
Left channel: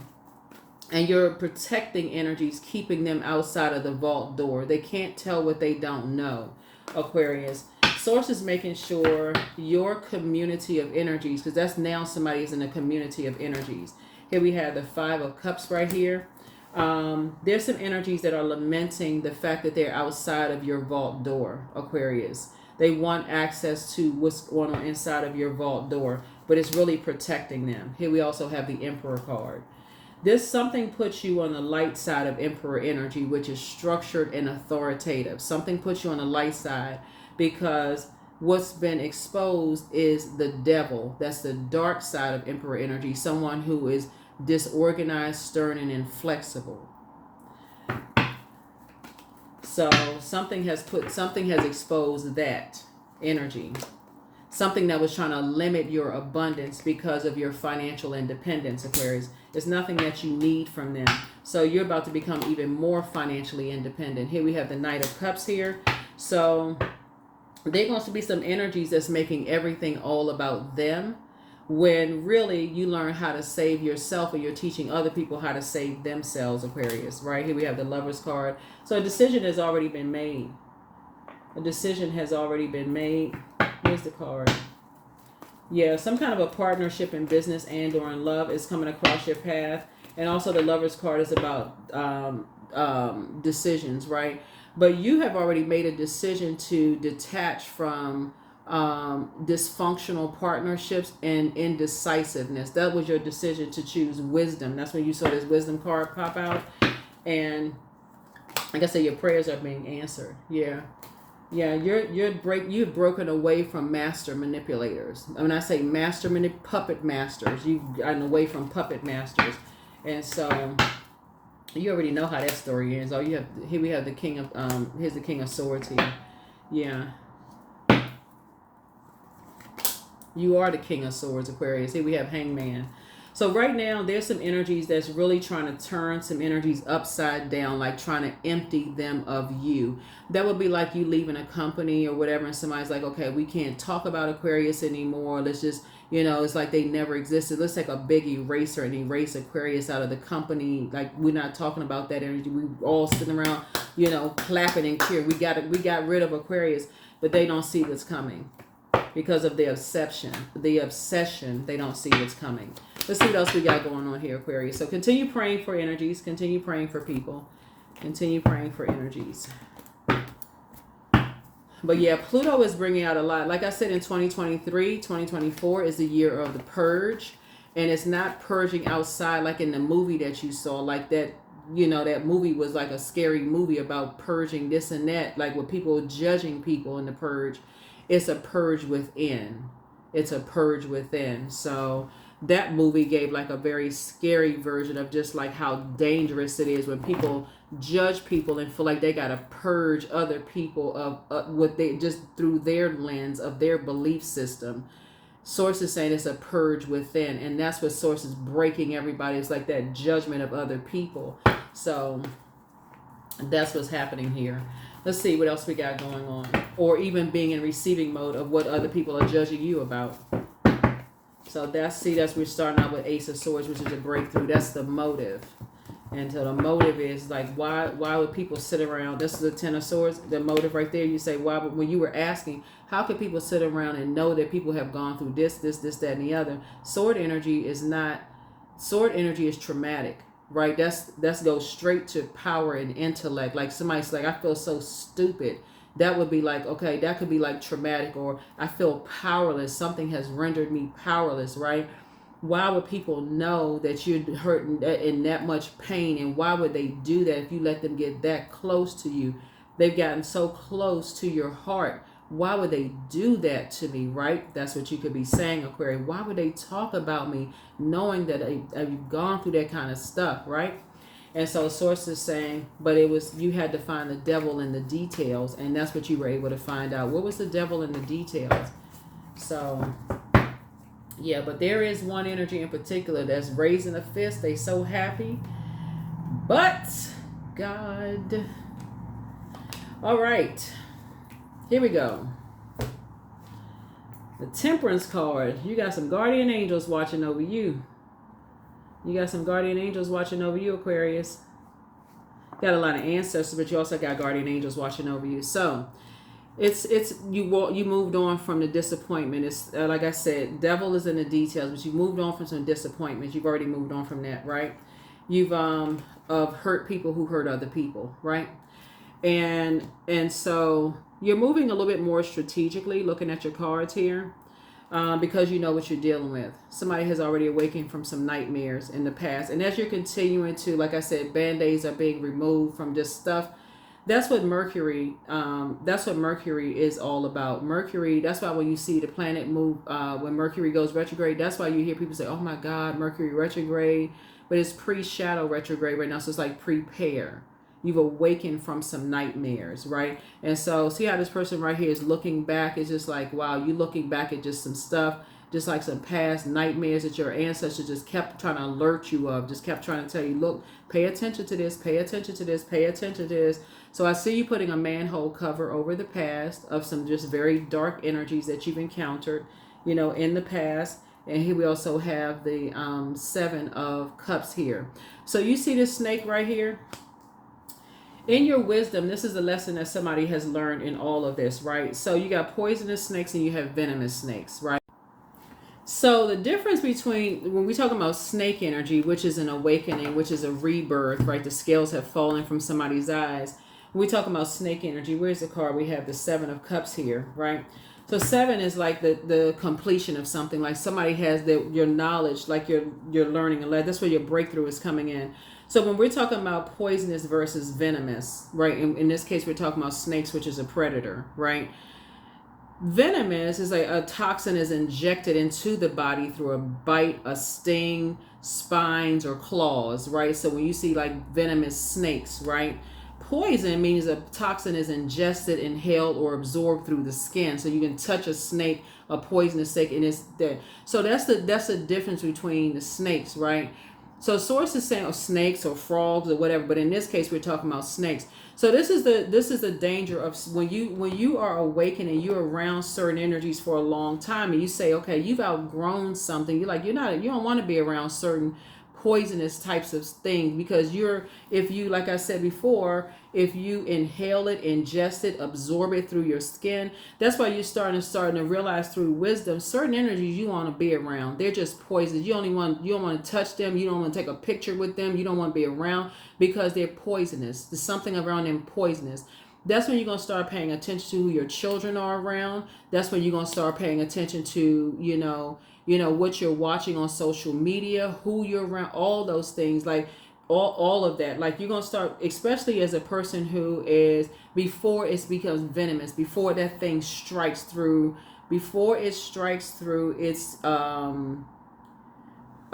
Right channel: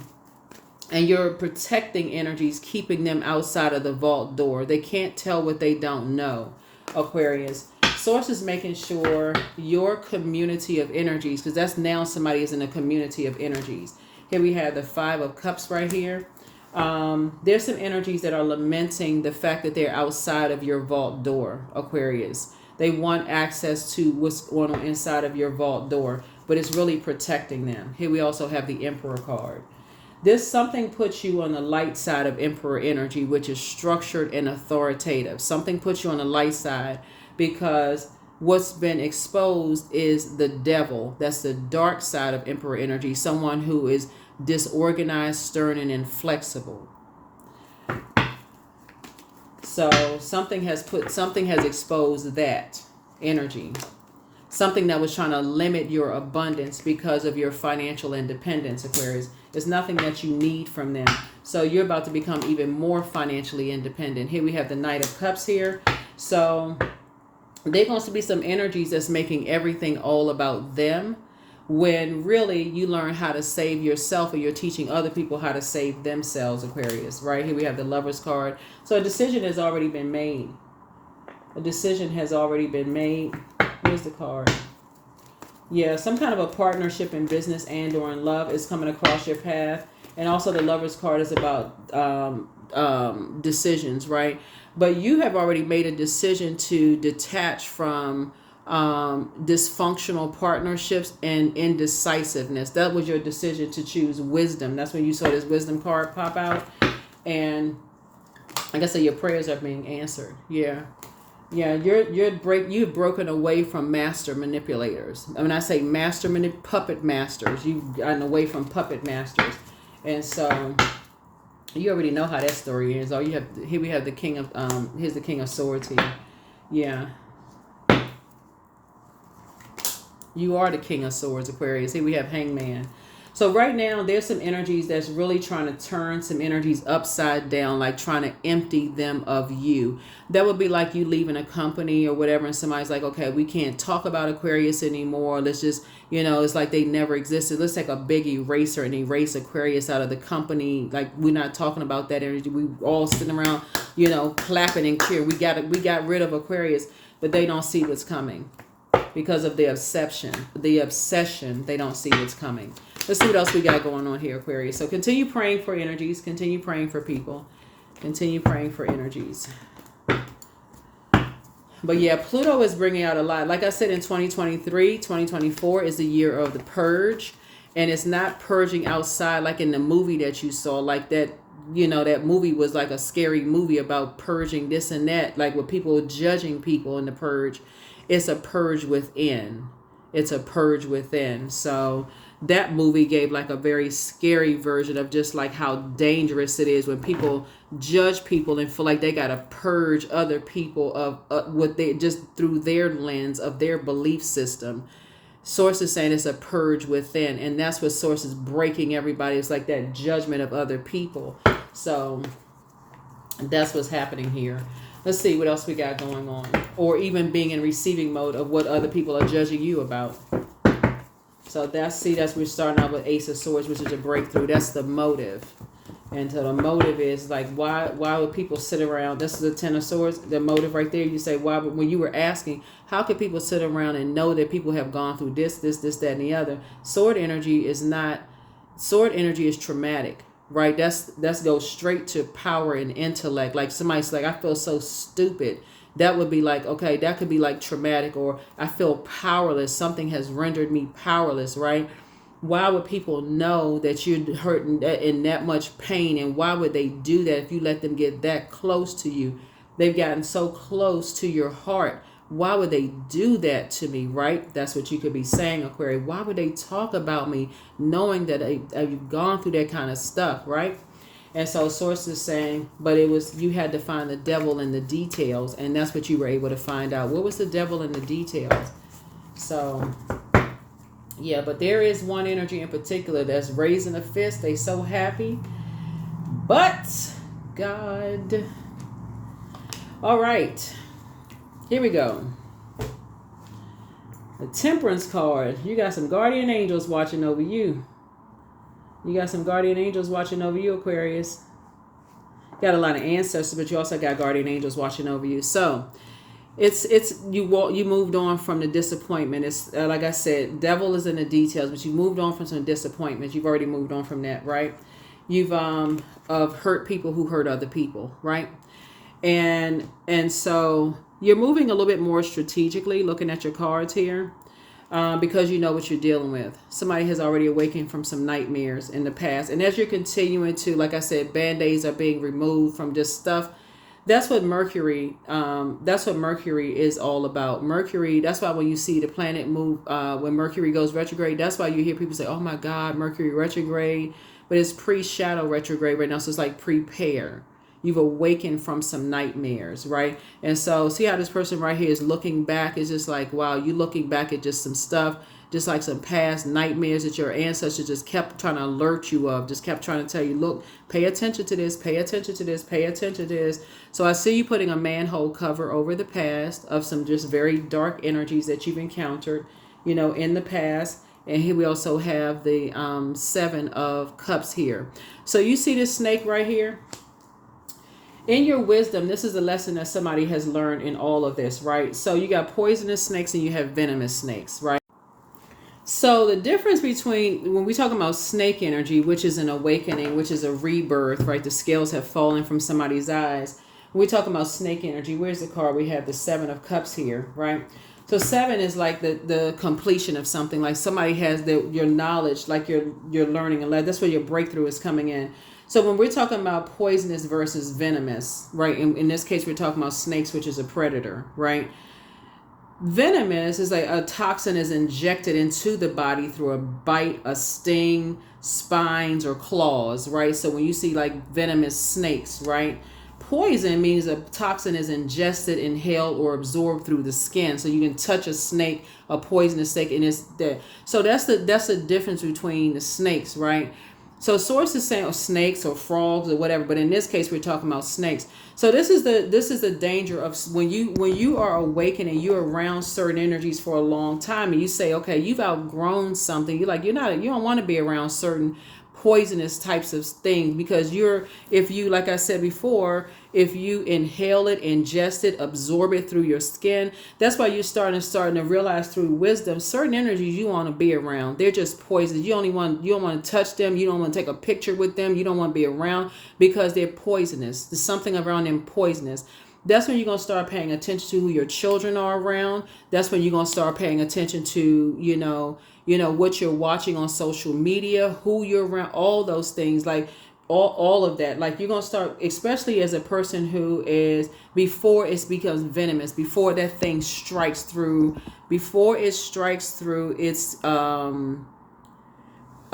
you're protecting energies, keeping them outside of the vault door. They can't tell what they don't know, Aquarius. Source is making sure your community of energies, because that's now somebody is in a community of energies. Here we have the Five of Cups right here. There's some energies that are lamenting the fact that they're outside of your vault door, Aquarius. They want access to what's going on inside of your vault door, but it's really protecting them. Here we also have the Emperor card. This something puts you on the light side of Emperor energy, which is structured and authoritative. Something puts you on the light side because what's been exposed is the devil. That's the dark side of Emperor energy. Someone who is disorganized, stern, and inflexible. So something has exposed that energy. Something that was trying to limit your abundance because of your financial independence, Aquarius. It's nothing that you need from them. So you're about to become even more financially independent. Here we have the Knight of Cups here. So there going to be some energies that's making everything all about them, when really you learn how to save yourself, or you're teaching other people how to save themselves, Aquarius. Right here we have the Lover's card. So a decision has already been made. A decision has already been made. Here's the card. Yeah, some kind of a partnership in business and or in love is coming across your path. And also the Lover's card is about decisions, right? But you have already made a decision to detach from dysfunctional partnerships and indecisiveness. That was your decision to choose wisdom. That's when you saw this wisdom card pop out. And like I said, your prayers are being answered. Yeah. Yeah, you've broken away from master manipulators. When I say puppet masters, you've gotten away from puppet masters. And so you already know how that story is. Here we have the King of here's the King of Swords here. Yeah. You are the King of Swords, Aquarius. Here we have Hangman. So right now, there's some energies that's really trying to turn some energies upside down, like trying to empty them of you. That would be like you leaving a company or whatever, and somebody's like, okay, we can't talk about Aquarius anymore. Let's just, it's like they never existed. Let's take a big eraser and erase Aquarius out of the company. Like, we're not talking about that energy. We all sitting around, clapping and cheering. We got rid of Aquarius, but they don't see what's coming. Because of the obsession, they don't see what's coming. Let's see what else we got going on here, Aquarius. So continue praying for energies. Continue praying for people. Continue praying for energies. But yeah, Pluto is bringing out a lot. Like I said, in 2023, 2024 is the year of the purge. And it's not purging outside like in the movie that you saw. Like that, that movie was like a scary movie about purging this and that. Like with people judging people in the purge. It's a purge within. It's a purge within. So that movie gave like a very scary version of just like how dangerous it is when people judge people and feel like they got to purge other people of what they just through their lens of their belief system. Source is saying it's a purge within, and that's what Source is breaking everybody. It's like that judgment of other people. So that's what's happening here. Let's see what else we got going on, or even being in receiving mode of what other people are judging you about. So that's we're starting out with Ace of Swords, which is a breakthrough. That's the motive. And so the motive is like, why would people sit around? This is the Ten of Swords, the motive right there. You say, why would, when you were asking, how could people sit around and know that people have gone through this, that, and the other? Sword energy is traumatic, right? That's goes straight to power and intellect. Like somebody's like, I feel so stupid. That would be like, okay, that could be like traumatic, or I feel powerless. Something has rendered me powerless, right? Why would people know that you're hurting in that much pain? And why would they do that if you let them get that close to you? They've gotten so close to your heart. Why would they do that to me, right? That's what you could be saying, Aquarius. Why would they talk about me knowing that you've gone through that kind of stuff, right? And so Source is saying, but you had to find the devil in the details, and that's what you were able to find out. What was the devil in the details? So, yeah, but there is one energy in particular that's raising a fist. They so happy. But, God. All right. Here we go. The Temperance card. You got some guardian angels watching over you. You got some guardian angels watching over you, Aquarius. Got a lot of ancestors, but you also got guardian angels watching over you. So, you moved on from the disappointment. It's like I said, devil is in the details, but you moved on from some disappointments. You've already moved on from that, right? You've of hurt people who hurt other people, right? And so you're moving a little bit more strategically, looking at your cards here. Because you know what you're dealing with. Somebody has already awakened from some nightmares in the past. And as you're continuing to, like I said, band-aids are being removed from this stuff. That's what Mercury is all about. Mercury, that's why when you see the planet move, when Mercury goes retrograde, that's why you hear people say, oh my God, Mercury retrograde. But it's pre-shadow retrograde right now. So it's like prepare. You've awakened from some nightmares, right? And so see how this person right here is looking back. It's just like, wow, you looking back at just some stuff, just like some past nightmares that your ancestors just kept trying to alert you of, just kept trying to tell you, look, pay attention to this, pay attention to this, pay attention to this. So I see you putting a manhole cover over the past of some just very dark energies that you've encountered, in the past. And here we also have the 7 of Cups here. So you see this snake right here? In your wisdom, this is a lesson that somebody has learned in all of this, right? So you got poisonous snakes and you have venomous snakes, right? So the difference between when we talk about snake energy, which is an awakening, which is a rebirth, right? The scales have fallen from somebody's eyes. When we talk about snake energy, where's the card? We have the 7 of Cups here, right? So 7 is like the completion of something. Like somebody has your knowledge, like you're learning, and that's where your breakthrough is coming in. So when we're talking about poisonous versus venomous, right? In this case, we're talking about snakes, which is a predator, right? Venomous is like a toxin is injected into the body through a bite, a sting, spines, or claws, right? So when you see like venomous snakes, right? Poison means a toxin is ingested, inhaled, or absorbed through the skin. So you can touch a snake, a poisonous snake, and it's dead. So that's the difference between the snakes, right? So source is saying snakes or frogs or whatever, but in this case we're talking about snakes. So this is the danger of when you are awakening, you're around certain energies for a long time, and you say, okay, you've outgrown something. You don't want to be around certain poisonous types of things because like I said before, if you inhale it, ingest it, absorb it through your skin, that's why you're starting to realize through wisdom certain energies you want to be around. They're just poisonous. You don't want to touch them. You don't want to take a picture with them. You don't want to be around because they're poisonous. There's something around them poisonous. That's when you're going to start paying attention to who your children are around. That's when you're going to start paying attention to, what you're watching on social media, who you're around, all those things, like all of that. Like you're going to start, especially as a person who is, before it becomes venomous, before that thing strikes through, it's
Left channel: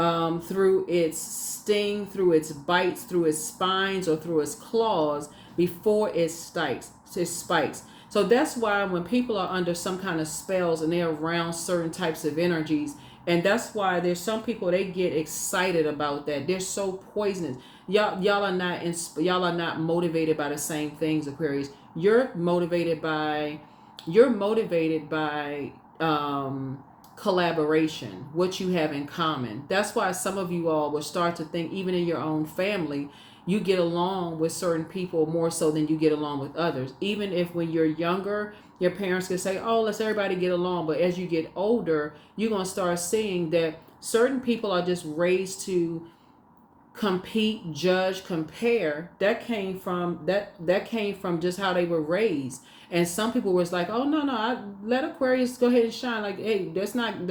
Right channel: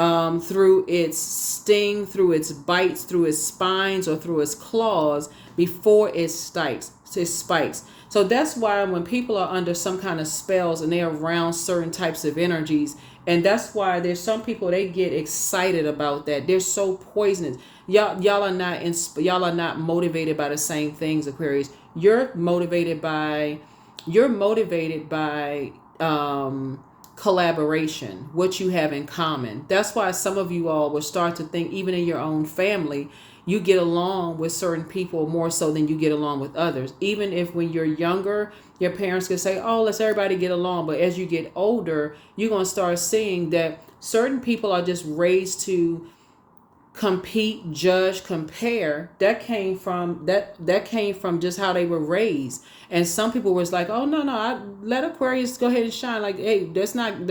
through its sting, through its bites, through its spines, or through its claws before it spikes. So that's why when people are under some kind of spells and they're around certain types of energies, and that's why there's some people, they get excited about that. They're so poisonous. Y'all are not y'all are not motivated by the same things, Aquarius. You're motivated by collaboration, what you have in common. That's why some of you all will start to think, even in your own family, you get along with certain people more so than you get along with others. Even if when you're younger, your parents can say, oh, let's everybody get along. But as you get older, you're going to start seeing that certain people are just raised to compete, judge, compare. That came from just how they were raised. And some people was like, oh no, I let Aquarius go ahead and shine. Like, hey, that's not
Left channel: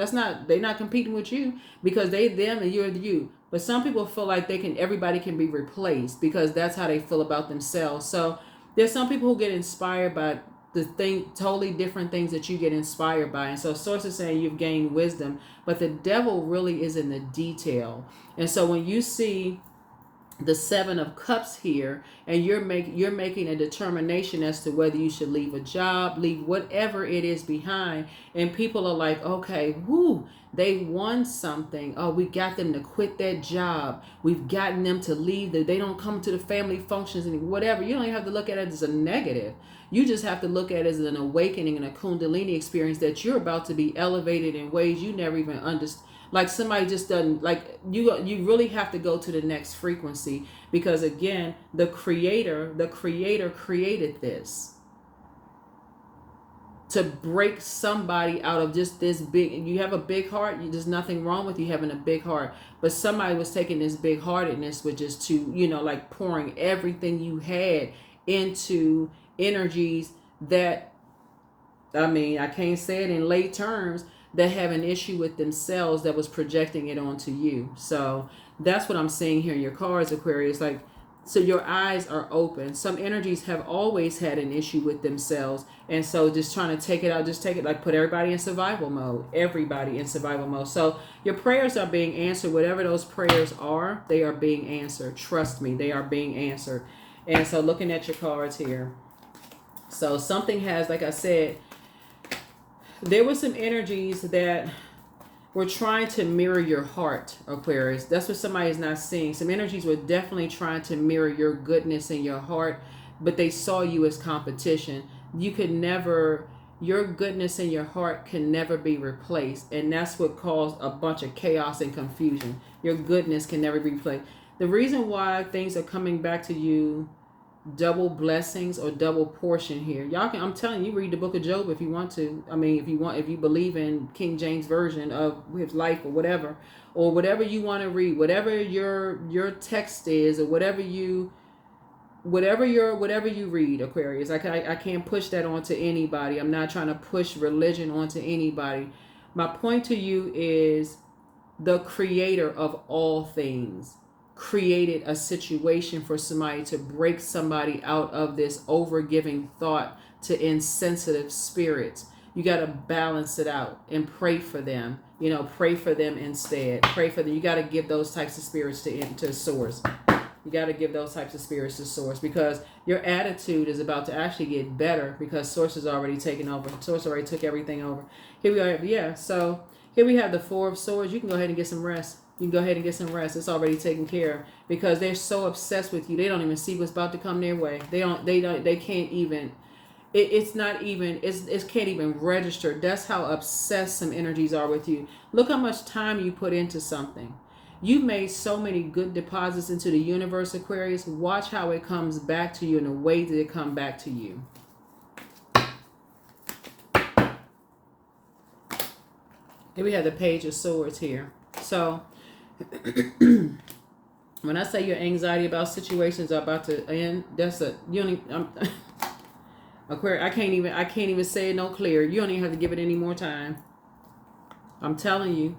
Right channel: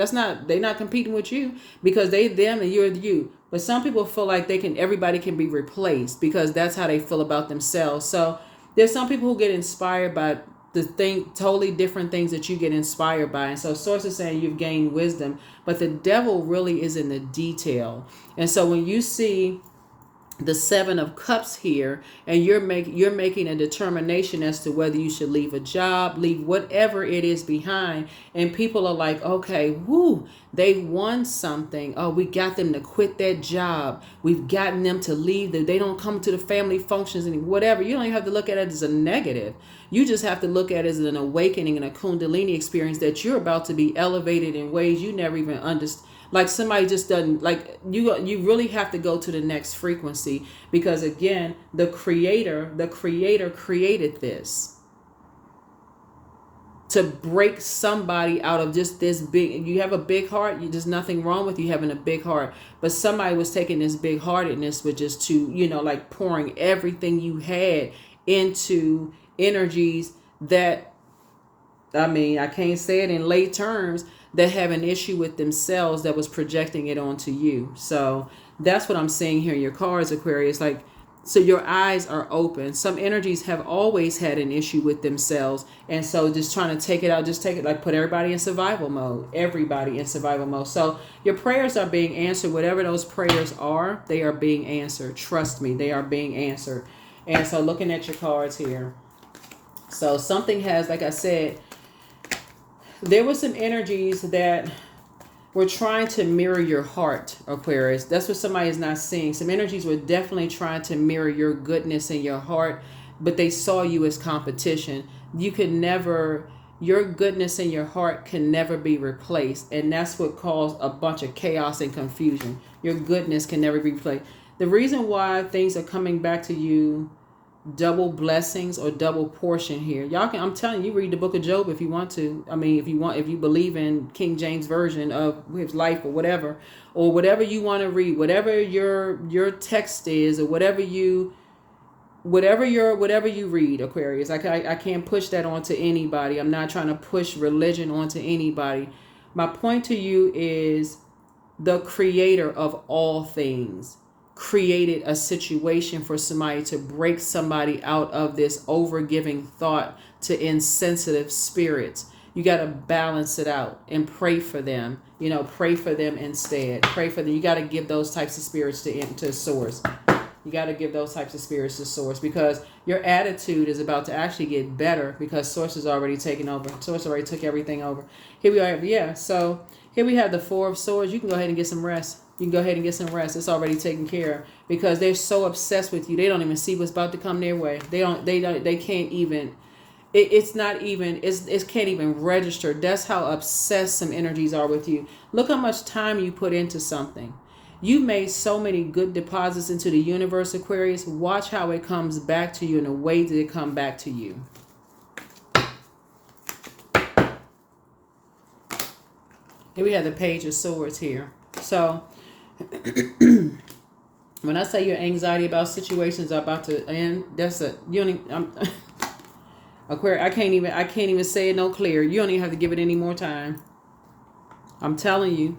they're not competing with you because they them and you're you. But some people feel like everybody can be replaced because that's how they feel about themselves. So there's some people who get inspired by totally different things that you get inspired by. And so source is saying you've gained wisdom, but the devil really is in the detail. And so when you see the 7 of Cups here, and you're making a determination as to whether you should leave a job, leave whatever it is behind, and people are like, okay, whoo, they won something. Oh, we got them to quit that job. We've gotten them to leave. They don't come to the family functions and whatever. You don't even have to look at it as a negative. You just have to look at it as an awakening and a Kundalini experience that you're about to be elevated in ways you never even understood. Like somebody just doesn't, like you really have to go to the next frequency, because again, the creator created this to break somebody out of just this big. You have a big heart. There's nothing wrong with you having a big heart, but somebody was taking this big heartedness with just to, like pouring everything you had into energies that, I mean, I can't say it in lay terms, that have an issue with themselves that was projecting it onto you. So that's what I'm seeing here in your cards, Aquarius. Like, so your eyes are open. Some energies have always had an issue with themselves. And so just trying to take it out, like put everybody in survival mode. Everybody in survival mode. So your prayers are being answered. Whatever those prayers are, they are being answered. Trust me, they are being answered. And so looking at your cards here. So something has, like I said, there were some energies that were trying to mirror your heart, Aquarius. That's what somebody is not seeing. Some energies were definitely trying to mirror your goodness in your heart, but they saw you as competition. Your goodness in your heart can never be replaced. And that's what caused a bunch of chaos and confusion. Your goodness can never be replaced. The reason why things are coming back to you, double blessings or double portion here. I'm telling you, read the book of Job if you want to. I mean, if you believe in King James version of his life or whatever you want to read, whatever your text is, or whatever you read, Aquarius. I can't push that onto anybody. I'm not trying to push religion onto anybody. My point to you is the creator of all things created a situation for somebody to break somebody out of this overgiving thought to insensitive spirits. You got to balance it out and pray for them. Pray for them instead. Pray for them. You got to give those types of spirits to source. You got to give those types of spirits to source, because your attitude is about to actually get better, because source is already taken over. Source already took everything over. Here we are. Yeah. So here we have the 4 of Swords. You can go ahead and get some rest. You can go ahead and get some rest. It's already taken care of, because they're so obsessed with you. They don't even see what's about to come their way. They can't even, it can't even register. That's how obsessed some energies are with you. Look how much time you put into something. You made so many good deposits into the universe, Aquarius. Watch how it comes back to you in the way that it come back to you. Here we have the Page of Swords here. So when I say your anxiety about situations are about to end, Aquarius, I can't even say it no clearer. You don't even have to give it any more time. I'm telling you,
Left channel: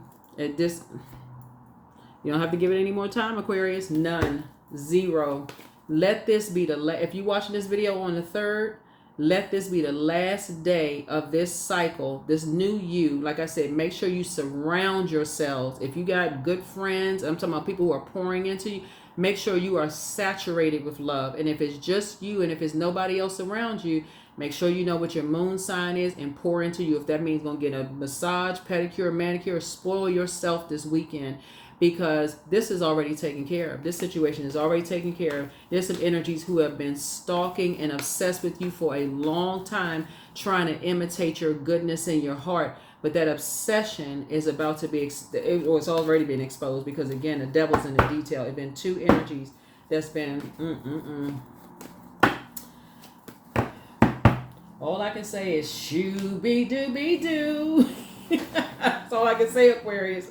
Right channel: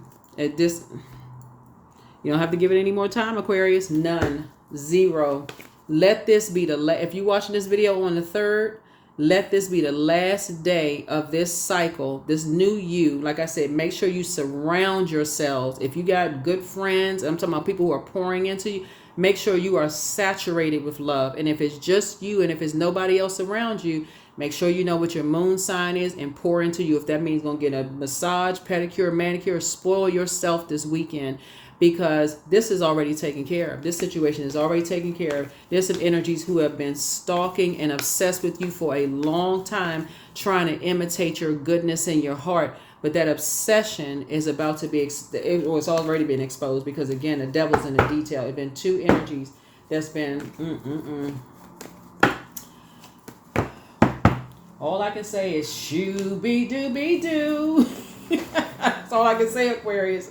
you don't have to give it any more time, Aquarius. None. 0. Let this be if you're watching this video on the 3rd, let this be the last day of this cycle, this new you. Like I said, make sure you surround yourselves. If you got good friends, I'm talking about people who are pouring into you, make sure you are saturated with love. And if it's just you and if it's nobody else around you, make sure you know what your moon sign is and pour into you. If that means going to get a massage, pedicure, manicure, spoil yourself this weekend, because this is already taken care of. This situation is already taken care of. There's some energies who have been stalking and obsessed with you for a long time, trying to imitate your goodness in your heart. But that obsession is about to be, it's already been exposed, because again, the devil's in the detail. It's been two energies that's been, All I can say is shoo-be-doo-be-doo. That's all I can say, Aquarius.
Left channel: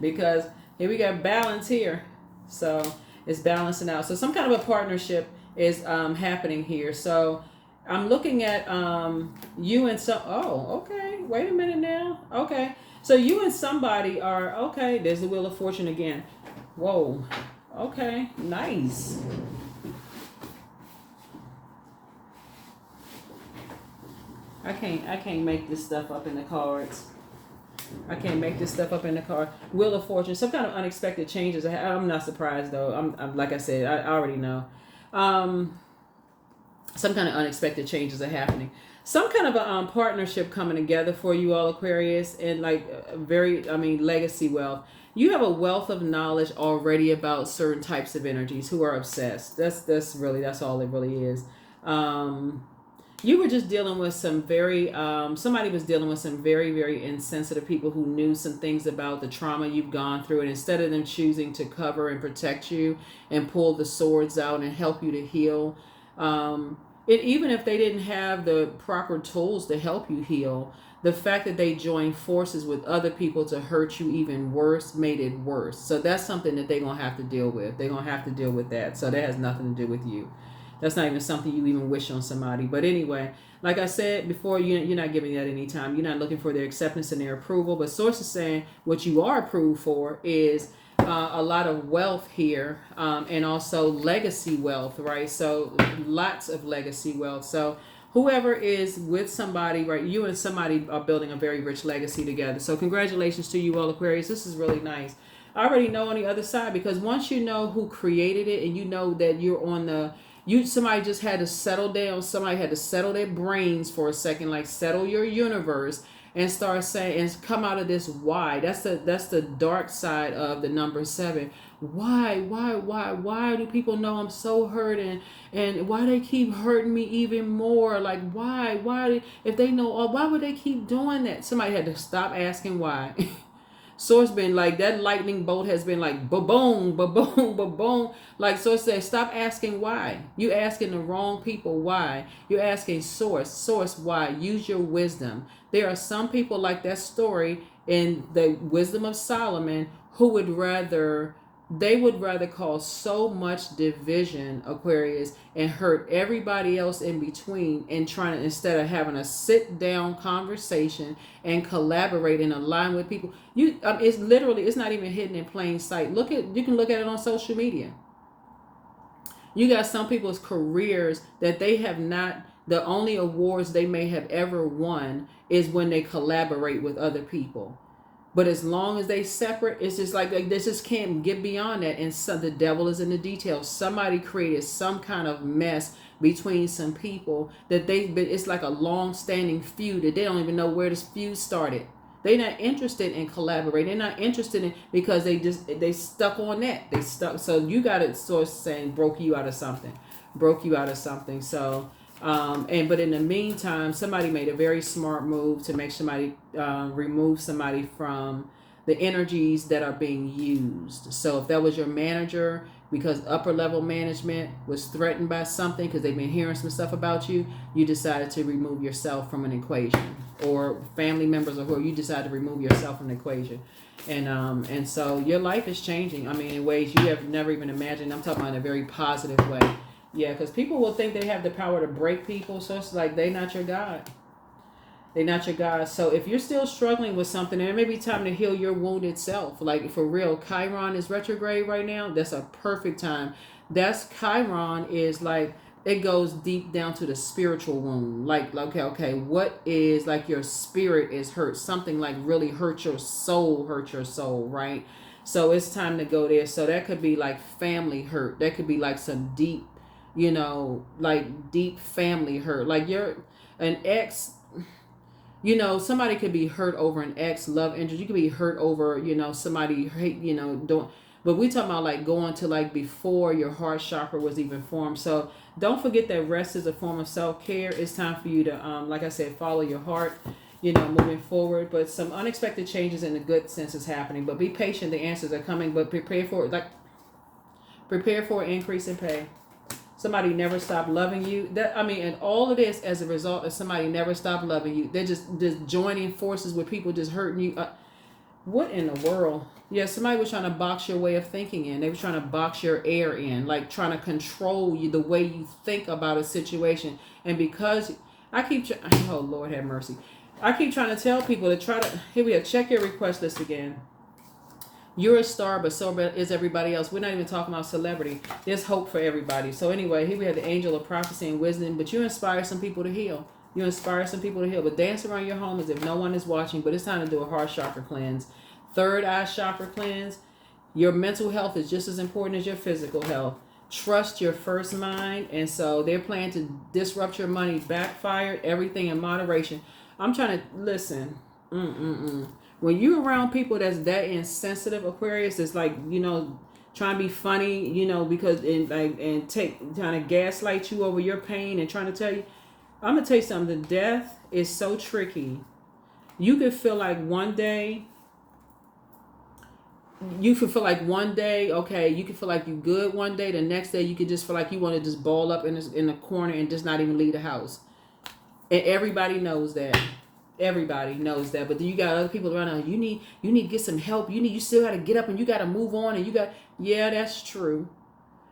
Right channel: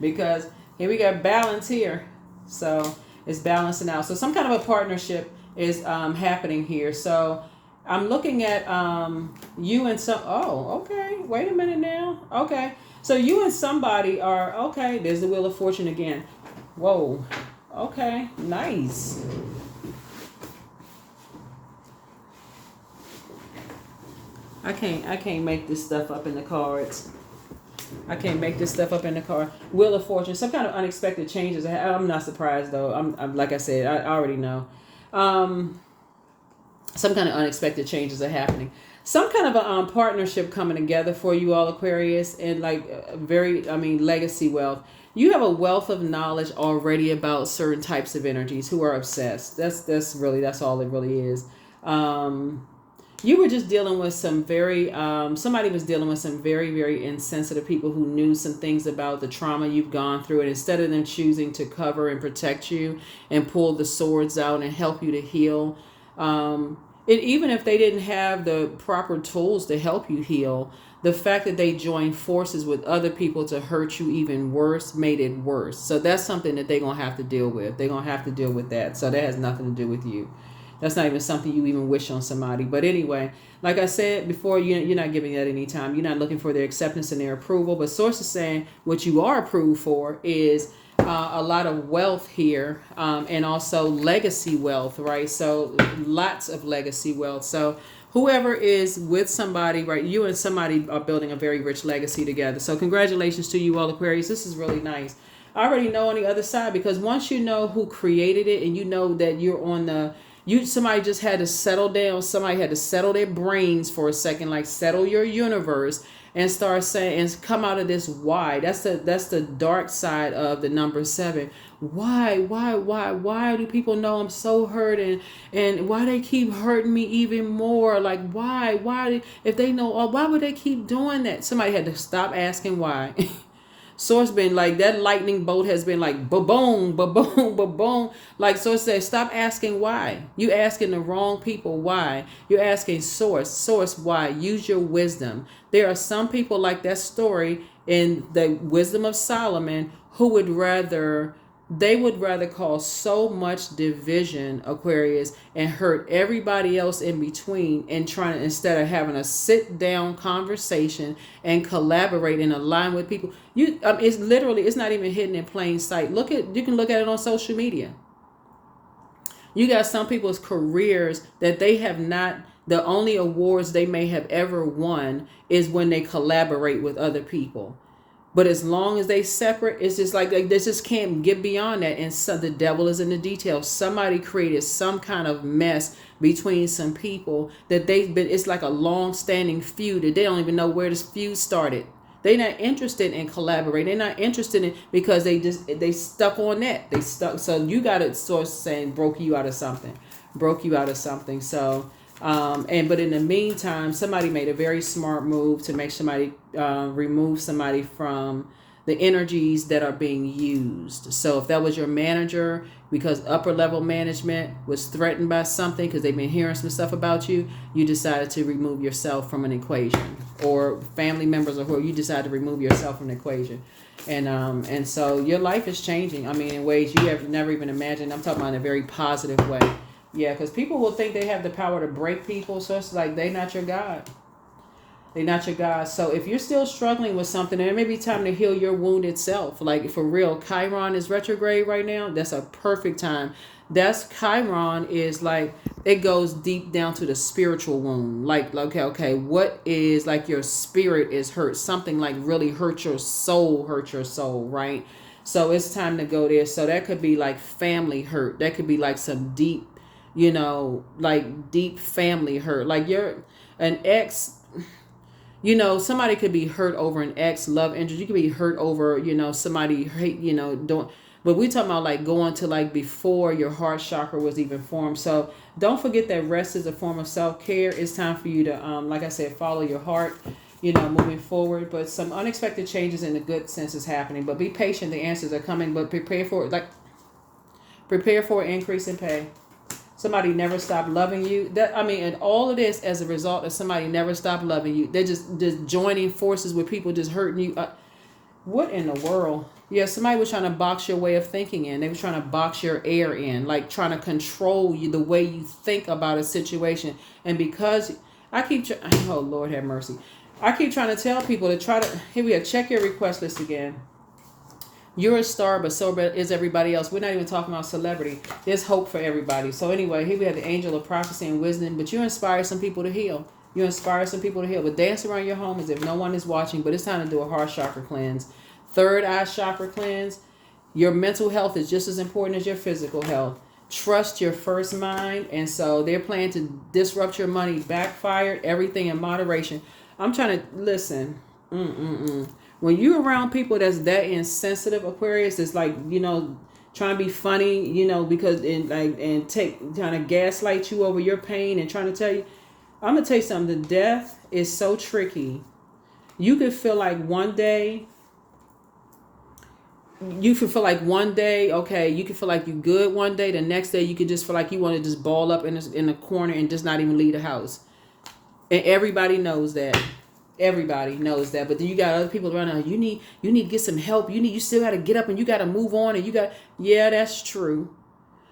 Because here we got balance here. So it's balancing out. So some kind of a partnership is happening here. So I'm looking at you and some, okay. Wait a minute now. Okay. So you and somebody are, okay. There's the Wheel of Fortune again. Whoa. Okay. Nice. I can't make this stuff up in the cards. I can't make this stuff up in the card. Wheel of Fortune, some kind of unexpected changes. I'm not surprised though. I'm like I said, I already know. Some kind of unexpected changes are happening. Some kind of a partnership coming together for you all, Aquarius, and like legacy wealth. You have a wealth of knowledge already about certain types of energies who are obsessed. That's all it really is. You were just dealing with some somebody was dealing with some very, very insensitive people who knew some things about the trauma you've gone through. And instead of them choosing to cover and protect you and pull the swords out and help you to heal, even if they didn't have the proper tools to help you heal, the fact that they joined forces with other people to hurt you even worse made it worse. So that's something that they're going to have to deal with. They're going to have to deal with that. So that has nothing to do with you. That's not even something you even wish on somebody. But anyway, like I said before, you're not giving that any time. You're not looking for their acceptance and their approval. But Source is saying what you are approved for is a lot of wealth here, and also legacy wealth, right? So lots of legacy wealth. So whoever is with somebody, right, you and somebody are building a very rich legacy together. So congratulations to you all, Aquarius. This is really nice. I already know on the other side, because once you know who created it and you know that you're on the... somebody just had to settle down. Somebody had to settle their brains for a second, like settle your universe and start saying, and come out of this why. That's the dark side of the number 7. Why do people know I'm so hurt, and why they keep hurting me even more? Like why if they know, why would they keep doing that? Somebody had to stop asking why. Source been like, that lightning bolt has been like ba-boom, ba-boom, ba-boom. Like Source says, stop asking why. You asking the wrong people why. You're asking Source why. Use your wisdom. There are some people like that story in the Wisdom of Solomon who would rather cause so much division, Aquarius, and hurt everybody else in between, and trying to, instead of having a sit down conversation and collaborate and align with people. It's not even hidden in plain sight. You can look at it on social media. You got some people's careers that they have not, the only awards they may have ever won is when they collaborate with other people. But as long as they separate, it's just like they just can't get beyond that. And so the devil is in the details. Somebody created some kind of mess between some people that it's like a long-standing feud that they don't even know where this feud started. They're not interested in collaborating. They're not interested in, because they stuck on that. They stuck. So you got a Source saying broke you out of something. So. But in the meantime, somebody made a very smart move to make somebody remove somebody from the energies that are being used. So if that was your manager, because upper level management was threatened by something, because they've been hearing some stuff about you, you decided to remove yourself from an equation, or family members, or who, you decided to remove yourself from the equation. And so your life is changing. I mean, in ways you have never even imagined. I'm talking about in a very positive way. Yeah, because people will think they have the power to break people. So it's like, they're not your God. They're not your God. So if you're still struggling with something, it may be time to heal your wounded self. Like, for real, Chiron is retrograde right now. That's a perfect time That's Chiron is like it goes deep down to the spiritual wound. Like okay, what is like your spirit is hurt, something like really hurt your soul, right? So it's time to go there. So that could be like family hurt. That could be like some deep, like deep family hurt. Like you're an ex, somebody could be hurt over an ex love interest. You could be hurt over, somebody hate, don't. But we talking about like going to like before your heart chakra was even formed. So don't forget that rest is a form of self care. It's time for you to, like I said, follow your heart. Moving forward. But some unexpected changes in the good sense is happening. But be patient. The answers are coming. But prepare for an increase in pay. Somebody never stopped loving you. And all of this as a result of somebody never stopped loving you. They're just joining forces with people just hurting you. What in the world? Yeah, somebody was trying to box your way of thinking in. They were trying to box your air in, like trying to control you, the way you think about a situation. And because oh Lord have mercy, I keep trying to tell people to try to. Here we are. Check your request list again. You're a star, but so is everybody else. We're not even talking about celebrity. There's hope for everybody. So anyway, here we have the angel of prophecy and wisdom. But you inspire some people to heal. You inspire some people to heal. But dance around your home as if no one is watching. But it's time to do a heart chakra cleanse. Third eye chakra cleanse. Your mental health is just as important as your physical health. Trust your first mind. And so they're planning to disrupt your money. Backfired. Everything in moderation. I'm trying to listen. When you're around people that's that insensitive, Aquarius, it's like, trying to be funny, because and trying to gaslight you over your pain and trying to tell you. I'm gonna tell you something. The death is so tricky. You could feel like one day. You could feel like one day, okay, you could feel like you good one day. The next day, you could just feel like you want to just ball up in the corner and just not even leave the house. And everybody knows that. Everybody knows that. But then you got other people around. You need to get some help. You still got to get up and you got to move on. And yeah, that's true.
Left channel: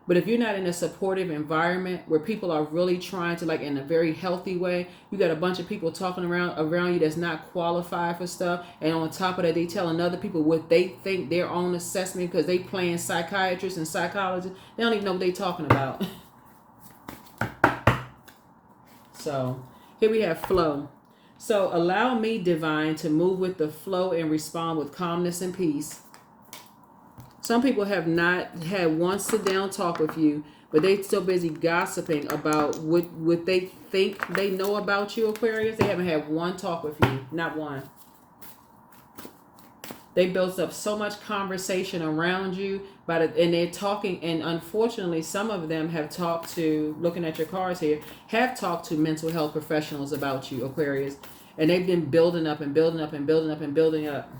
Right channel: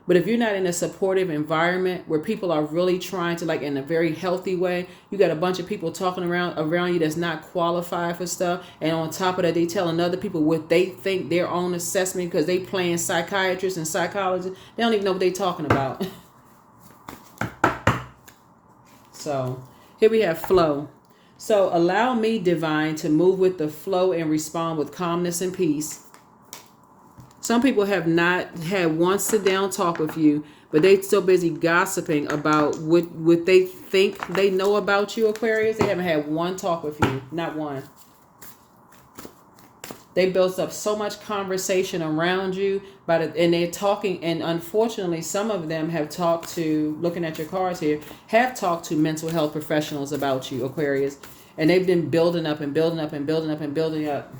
But if you're not in a supportive environment where people are really trying to, like, in a very healthy way, you got a bunch of people talking around you that's not qualified for stuff. And on top of that, they telling other people what they think their own assessment, because they playing psychiatrists and psychologists. They don't even know what they talking about. So here we have flow. So allow me, divine, to move with the flow and respond with calmness and peace. Some people have not had one sit down talk with you, but they so busy gossiping about what they think they know about you, Aquarius. They haven't had one talk with you, not one. They built up so much conversation around you, and they're talking. And unfortunately, some of them have talked to, looking at your cards here, have talked to mental health professionals about you, Aquarius. And they've been building up and building up and building up and building up.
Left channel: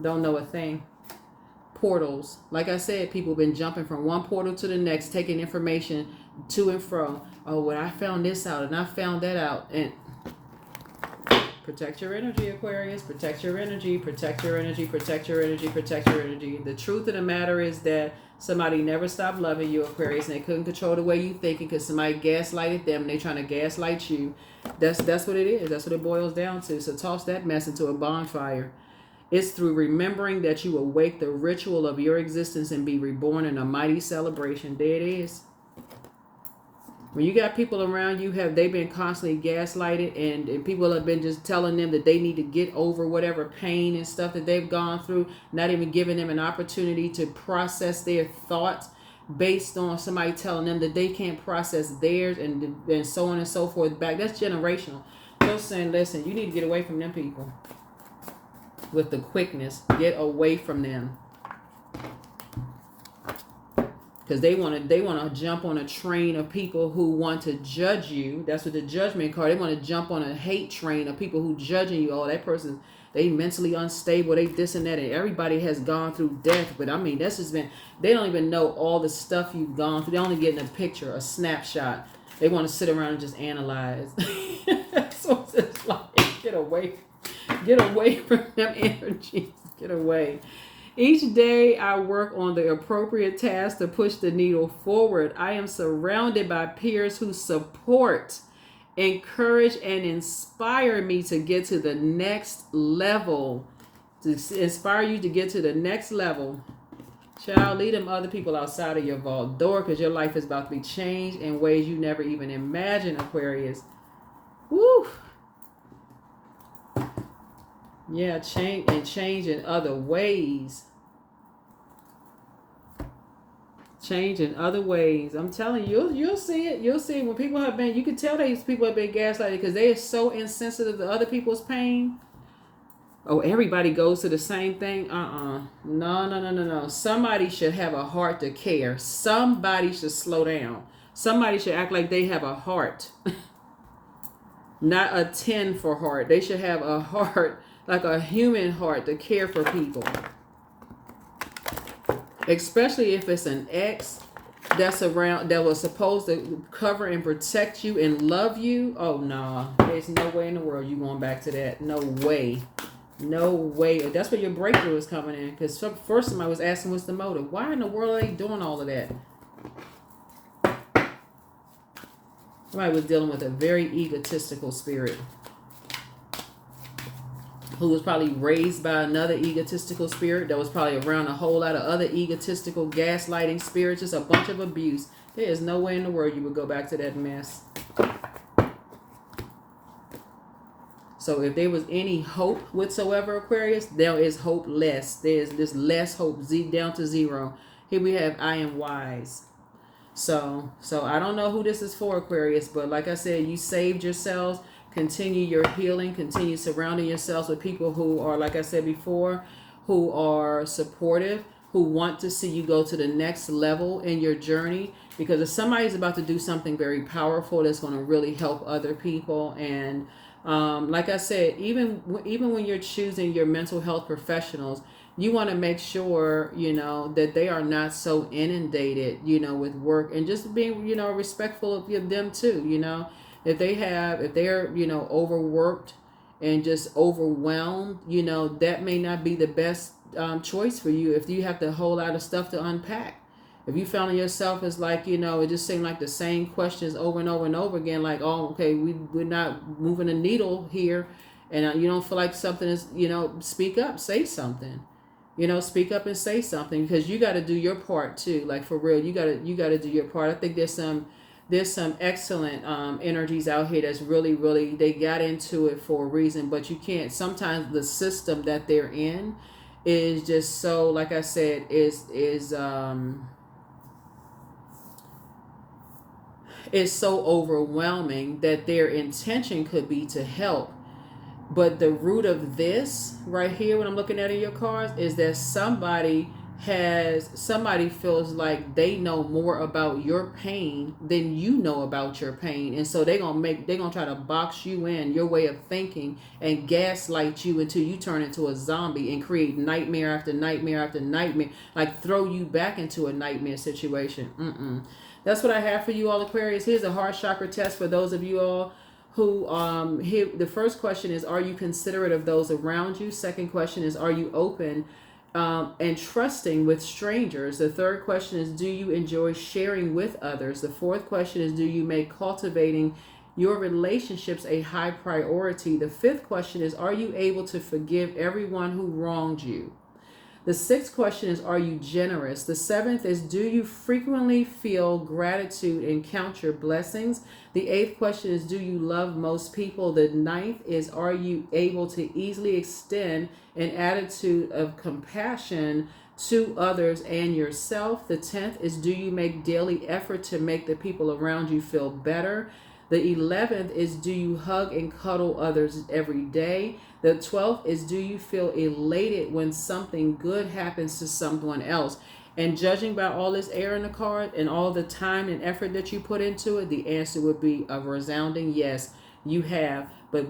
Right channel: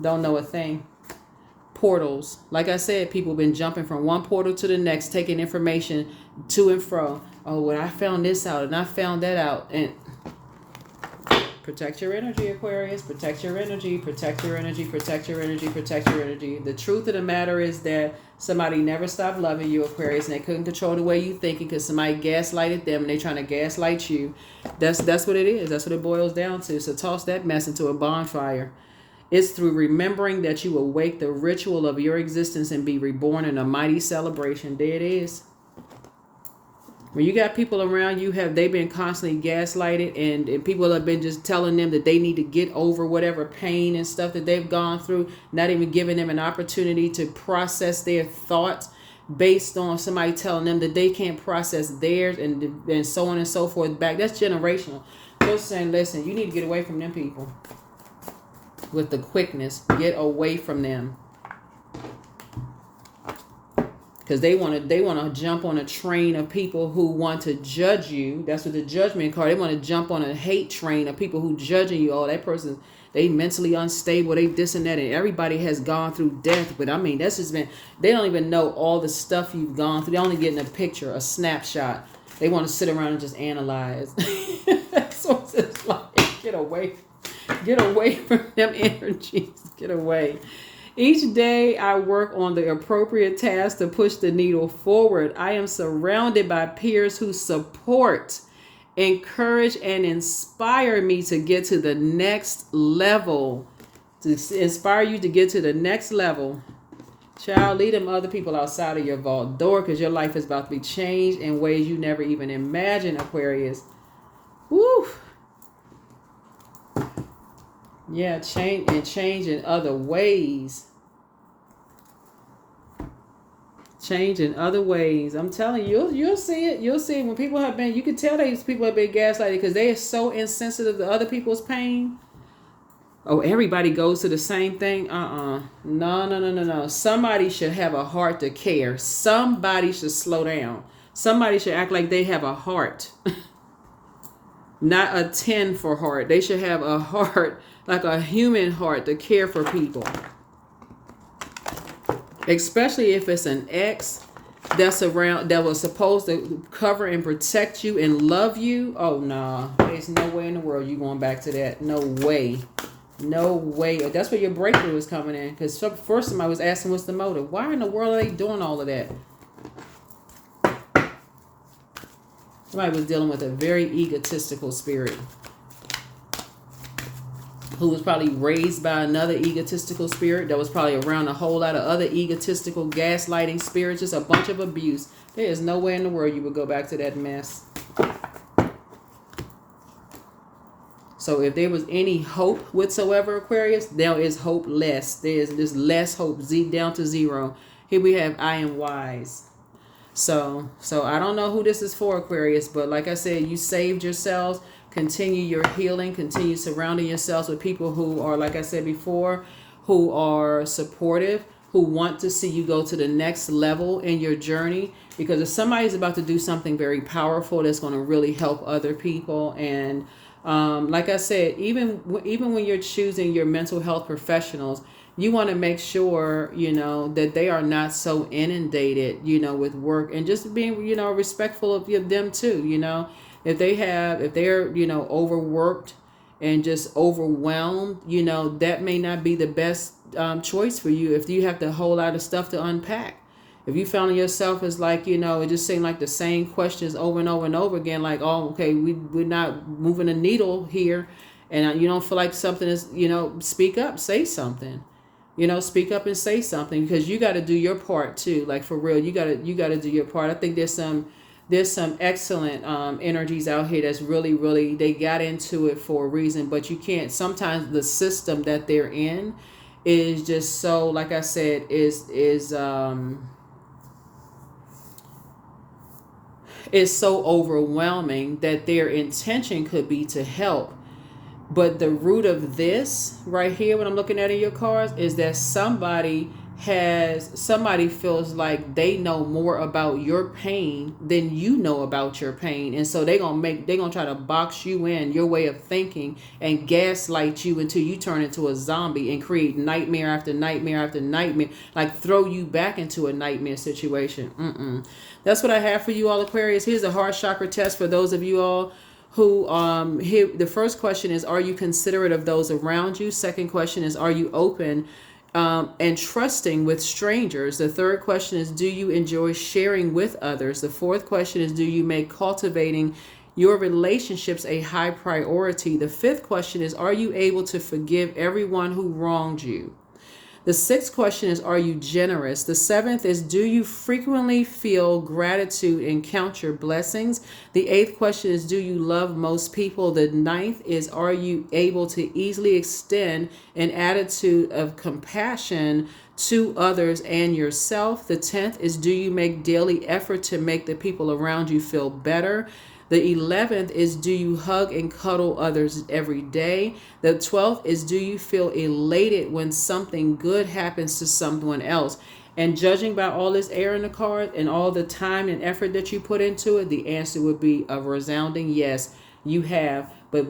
Don't know a thing. Portals. Like I said, people have been jumping from one portal to the next, taking information to and fro. Oh, well, I found this out and I found that out. And protect your energy, Aquarius. Protect your energy. Protect your energy. Protect your energy. Protect your energy. The truth of the matter is that somebody never stopped loving you, Aquarius, and they couldn't control the way you thinking because somebody gaslighted them and they trying to gaslight you. That's what it is. That's what it boils down to. So toss that mess into a bonfire. It's through remembering that you awake the ritual of your existence and be reborn in a mighty celebration. There it is. When you got people around you, they've been constantly gaslighted, and people have been just telling them that they need to get over whatever pain and stuff that they've gone through, not even giving them an opportunity to process their thoughts based on somebody telling them that they can't process theirs, and so on and so forth back. That's generational. Just saying, listen, you need to get away from them people. With the quickness, get away from them, because they want to jump on a train of people who want to judge you. That's what the judgment card. They want to jump on a hate train of people who judging you. Oh, that person, they mentally unstable. They this and that, and everybody has gone through death. But I mean, that's just been. They don't even know all the stuff you've gone through. They're only getting a picture, a snapshot. They want to sit around and just analyze. So it's just like, get away. Get away from them energies. Get away. Each day I work on the appropriate task to push the needle forward. I am surrounded by peers who support, encourage, and inspire me to get to the next level. To inspire you to get to the next level. Child, lead them other people outside of your vault door, because your life is about to be changed in ways you never even imagined, Aquarius. Woo! Yeah, change in other ways. Change in other ways. I'm telling you, you'll see it. You'll see it. When people have been, you can tell these people have been gaslighted because they are so insensitive to other people's pain. Oh, everybody goes to the same thing. No. Somebody should have a heart to care. Somebody should slow down. Somebody should act like they have a heart. Not a 10 for heart. They should have a heart, like a human heart, to care for people. Especially if it's an ex that's around, that was supposed to cover and protect you and love you. Oh, no. There's no way in the world you going back to that. No way. No way. That's where your breakthrough is coming in. Because first somebody was asking, what's the motive? Why in the world are they doing all of that? Somebody was dealing with a very egotistical spirit, who was probably raised by another egotistical spirit that was probably around a whole lot of other egotistical gaslighting spirits, just a bunch of abuse. There is no way in the world you would go back to that mess. So if there was any hope whatsoever, Aquarius, there is hope less. There's just less hope, down to zero. Here we have I am wise. So I don't know who this is for, Aquarius, but like I said, you saved yourselves. Continue your healing. Continue surrounding yourselves with people who are, like I said before, who are supportive, who want to see you go to the next level in your journey. Because if somebody's about to do something very powerful that's going to really help other people, and like I said, even when you're choosing your mental health professionals, you want to make sure, that they are not so inundated, with work, and just being, respectful of them too, if they're, overworked and just overwhelmed, that may not be the best choice for you if you have a whole lot of stuff to unpack. If you found yourself as like, it just seemed like the same questions over and over and over again, like, oh, okay, we're not moving a needle here, and you don't feel like something is, speak up, say something. Speak up and say something, because you got to do your part too. Like, for real, you got to do your part. I think there's some excellent energies out here that's really, really, they got into it for a reason, but you can't. Sometimes the system that they're in is just so, like I said, is so overwhelming that their intention could be to help. But the root of this right here, what I'm looking at in your cards, is that somebody feels like they know more about your pain than you know about your pain. And so they're gonna try to box you in, your way of thinking, and gaslight you until you turn into a zombie and create nightmare after nightmare after nightmare, like throw you back into a nightmare situation. That's what I have for you all, Aquarius. Here's a heart chakra test for those of you all who here. The first question is, are you considerate of those around you? Second question is, are you open and trusting with strangers? The third question is, do you enjoy sharing with others? The fourth question is, do you make cultivating your relationships a high priority? The fifth question is, are you able to forgive everyone who wronged you? The sixth question is, are you generous? The seventh is, do you frequently feel gratitude and count your blessings? The eighth question is, do you love most people? The ninth is, are you able to easily extend an attitude of compassion to others and yourself? The 10th is, do you make daily effort to make the people around you feel better? The 11th is, do you hug and cuddle others every day? The 12th is, do you feel elated when something good happens to someone else? And judging by all this air in the card and all the time and effort that you put into it, the answer would be a resounding yes, you have. But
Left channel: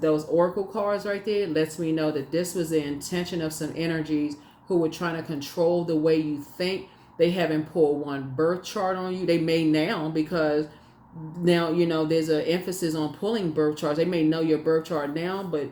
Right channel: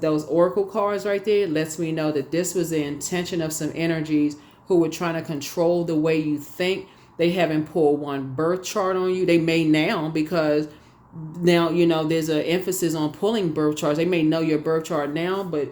those oracle cards right there lets me know that this was the intention of some energies who were trying to control the way you think. They haven't pulled one birth chart on you. They may now, because now, there's an emphasis on pulling birth charts. They may know your birth chart now, but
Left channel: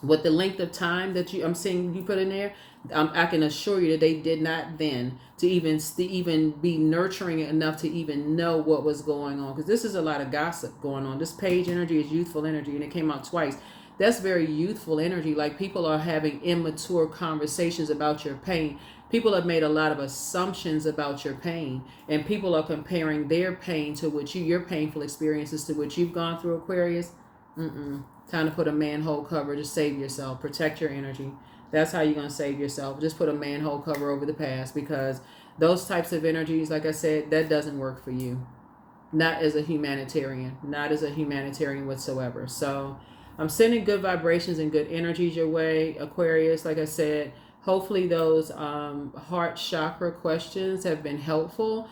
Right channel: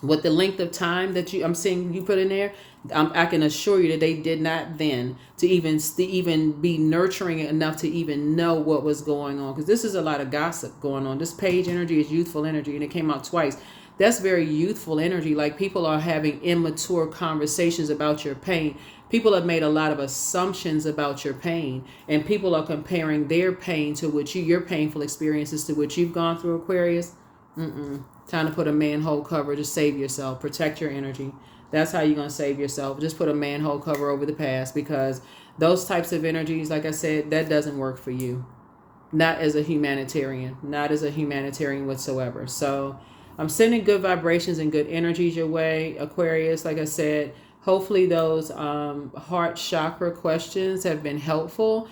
with the length of time that I'm seeing you put in there, I can assure you that they did not then to even be nurturing enough to even know what was going on. Because this is a lot of gossip going on. This page energy is youthful energy, and it came out twice. That's very youthful energy. Like, people are having immature conversations about your pain. people have made a lot of assumptions about your pain, and people are comparing their pain to what your painful experiences to what you've gone through, Aquarius. Time to put a manhole cover to save yourself. Protect your energy. That's how you're going to save yourself. Just put a manhole cover over the past, because those types of energies, like I said, that doesn't work for you. Not as a humanitarian. Not as a humanitarian whatsoever. So I'm sending good vibrations and good energies your way, Aquarius. Like I said, hopefully those heart chakra questions have been helpful.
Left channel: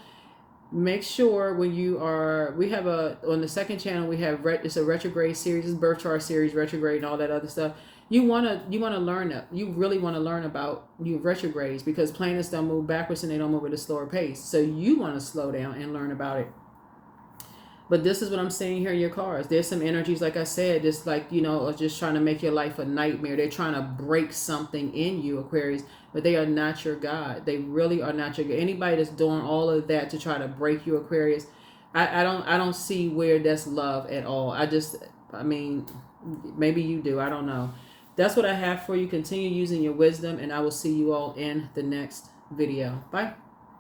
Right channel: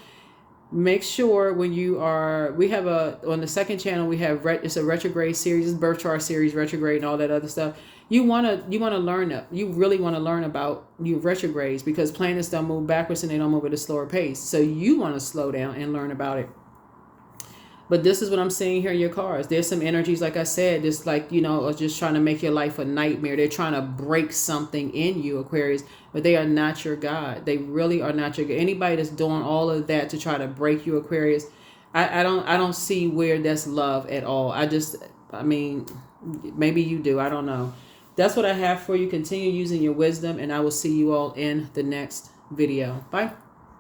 Make sure when you are, we have on the second channel, we have, it's a retrograde series, it's birth chart series, retrograde and all that other stuff. You want to learn that. You really want to learn about your retrogrades, because planets don't move backwards and they don't move at a slower pace. So you want to slow down and learn about it. But this is what I'm seeing here in your cards. There's some energies, like I said, just like, are just trying to make your life a nightmare. They're trying to break something in you, Aquarius, but they are not your God. They really are not your God. Anybody that's doing all of that to try to break you, Aquarius, I don't see where that's love at all. I mean, maybe you do. I don't know. That's what I have for you. Continue using your wisdom, and I will see you all in the next video. Bye.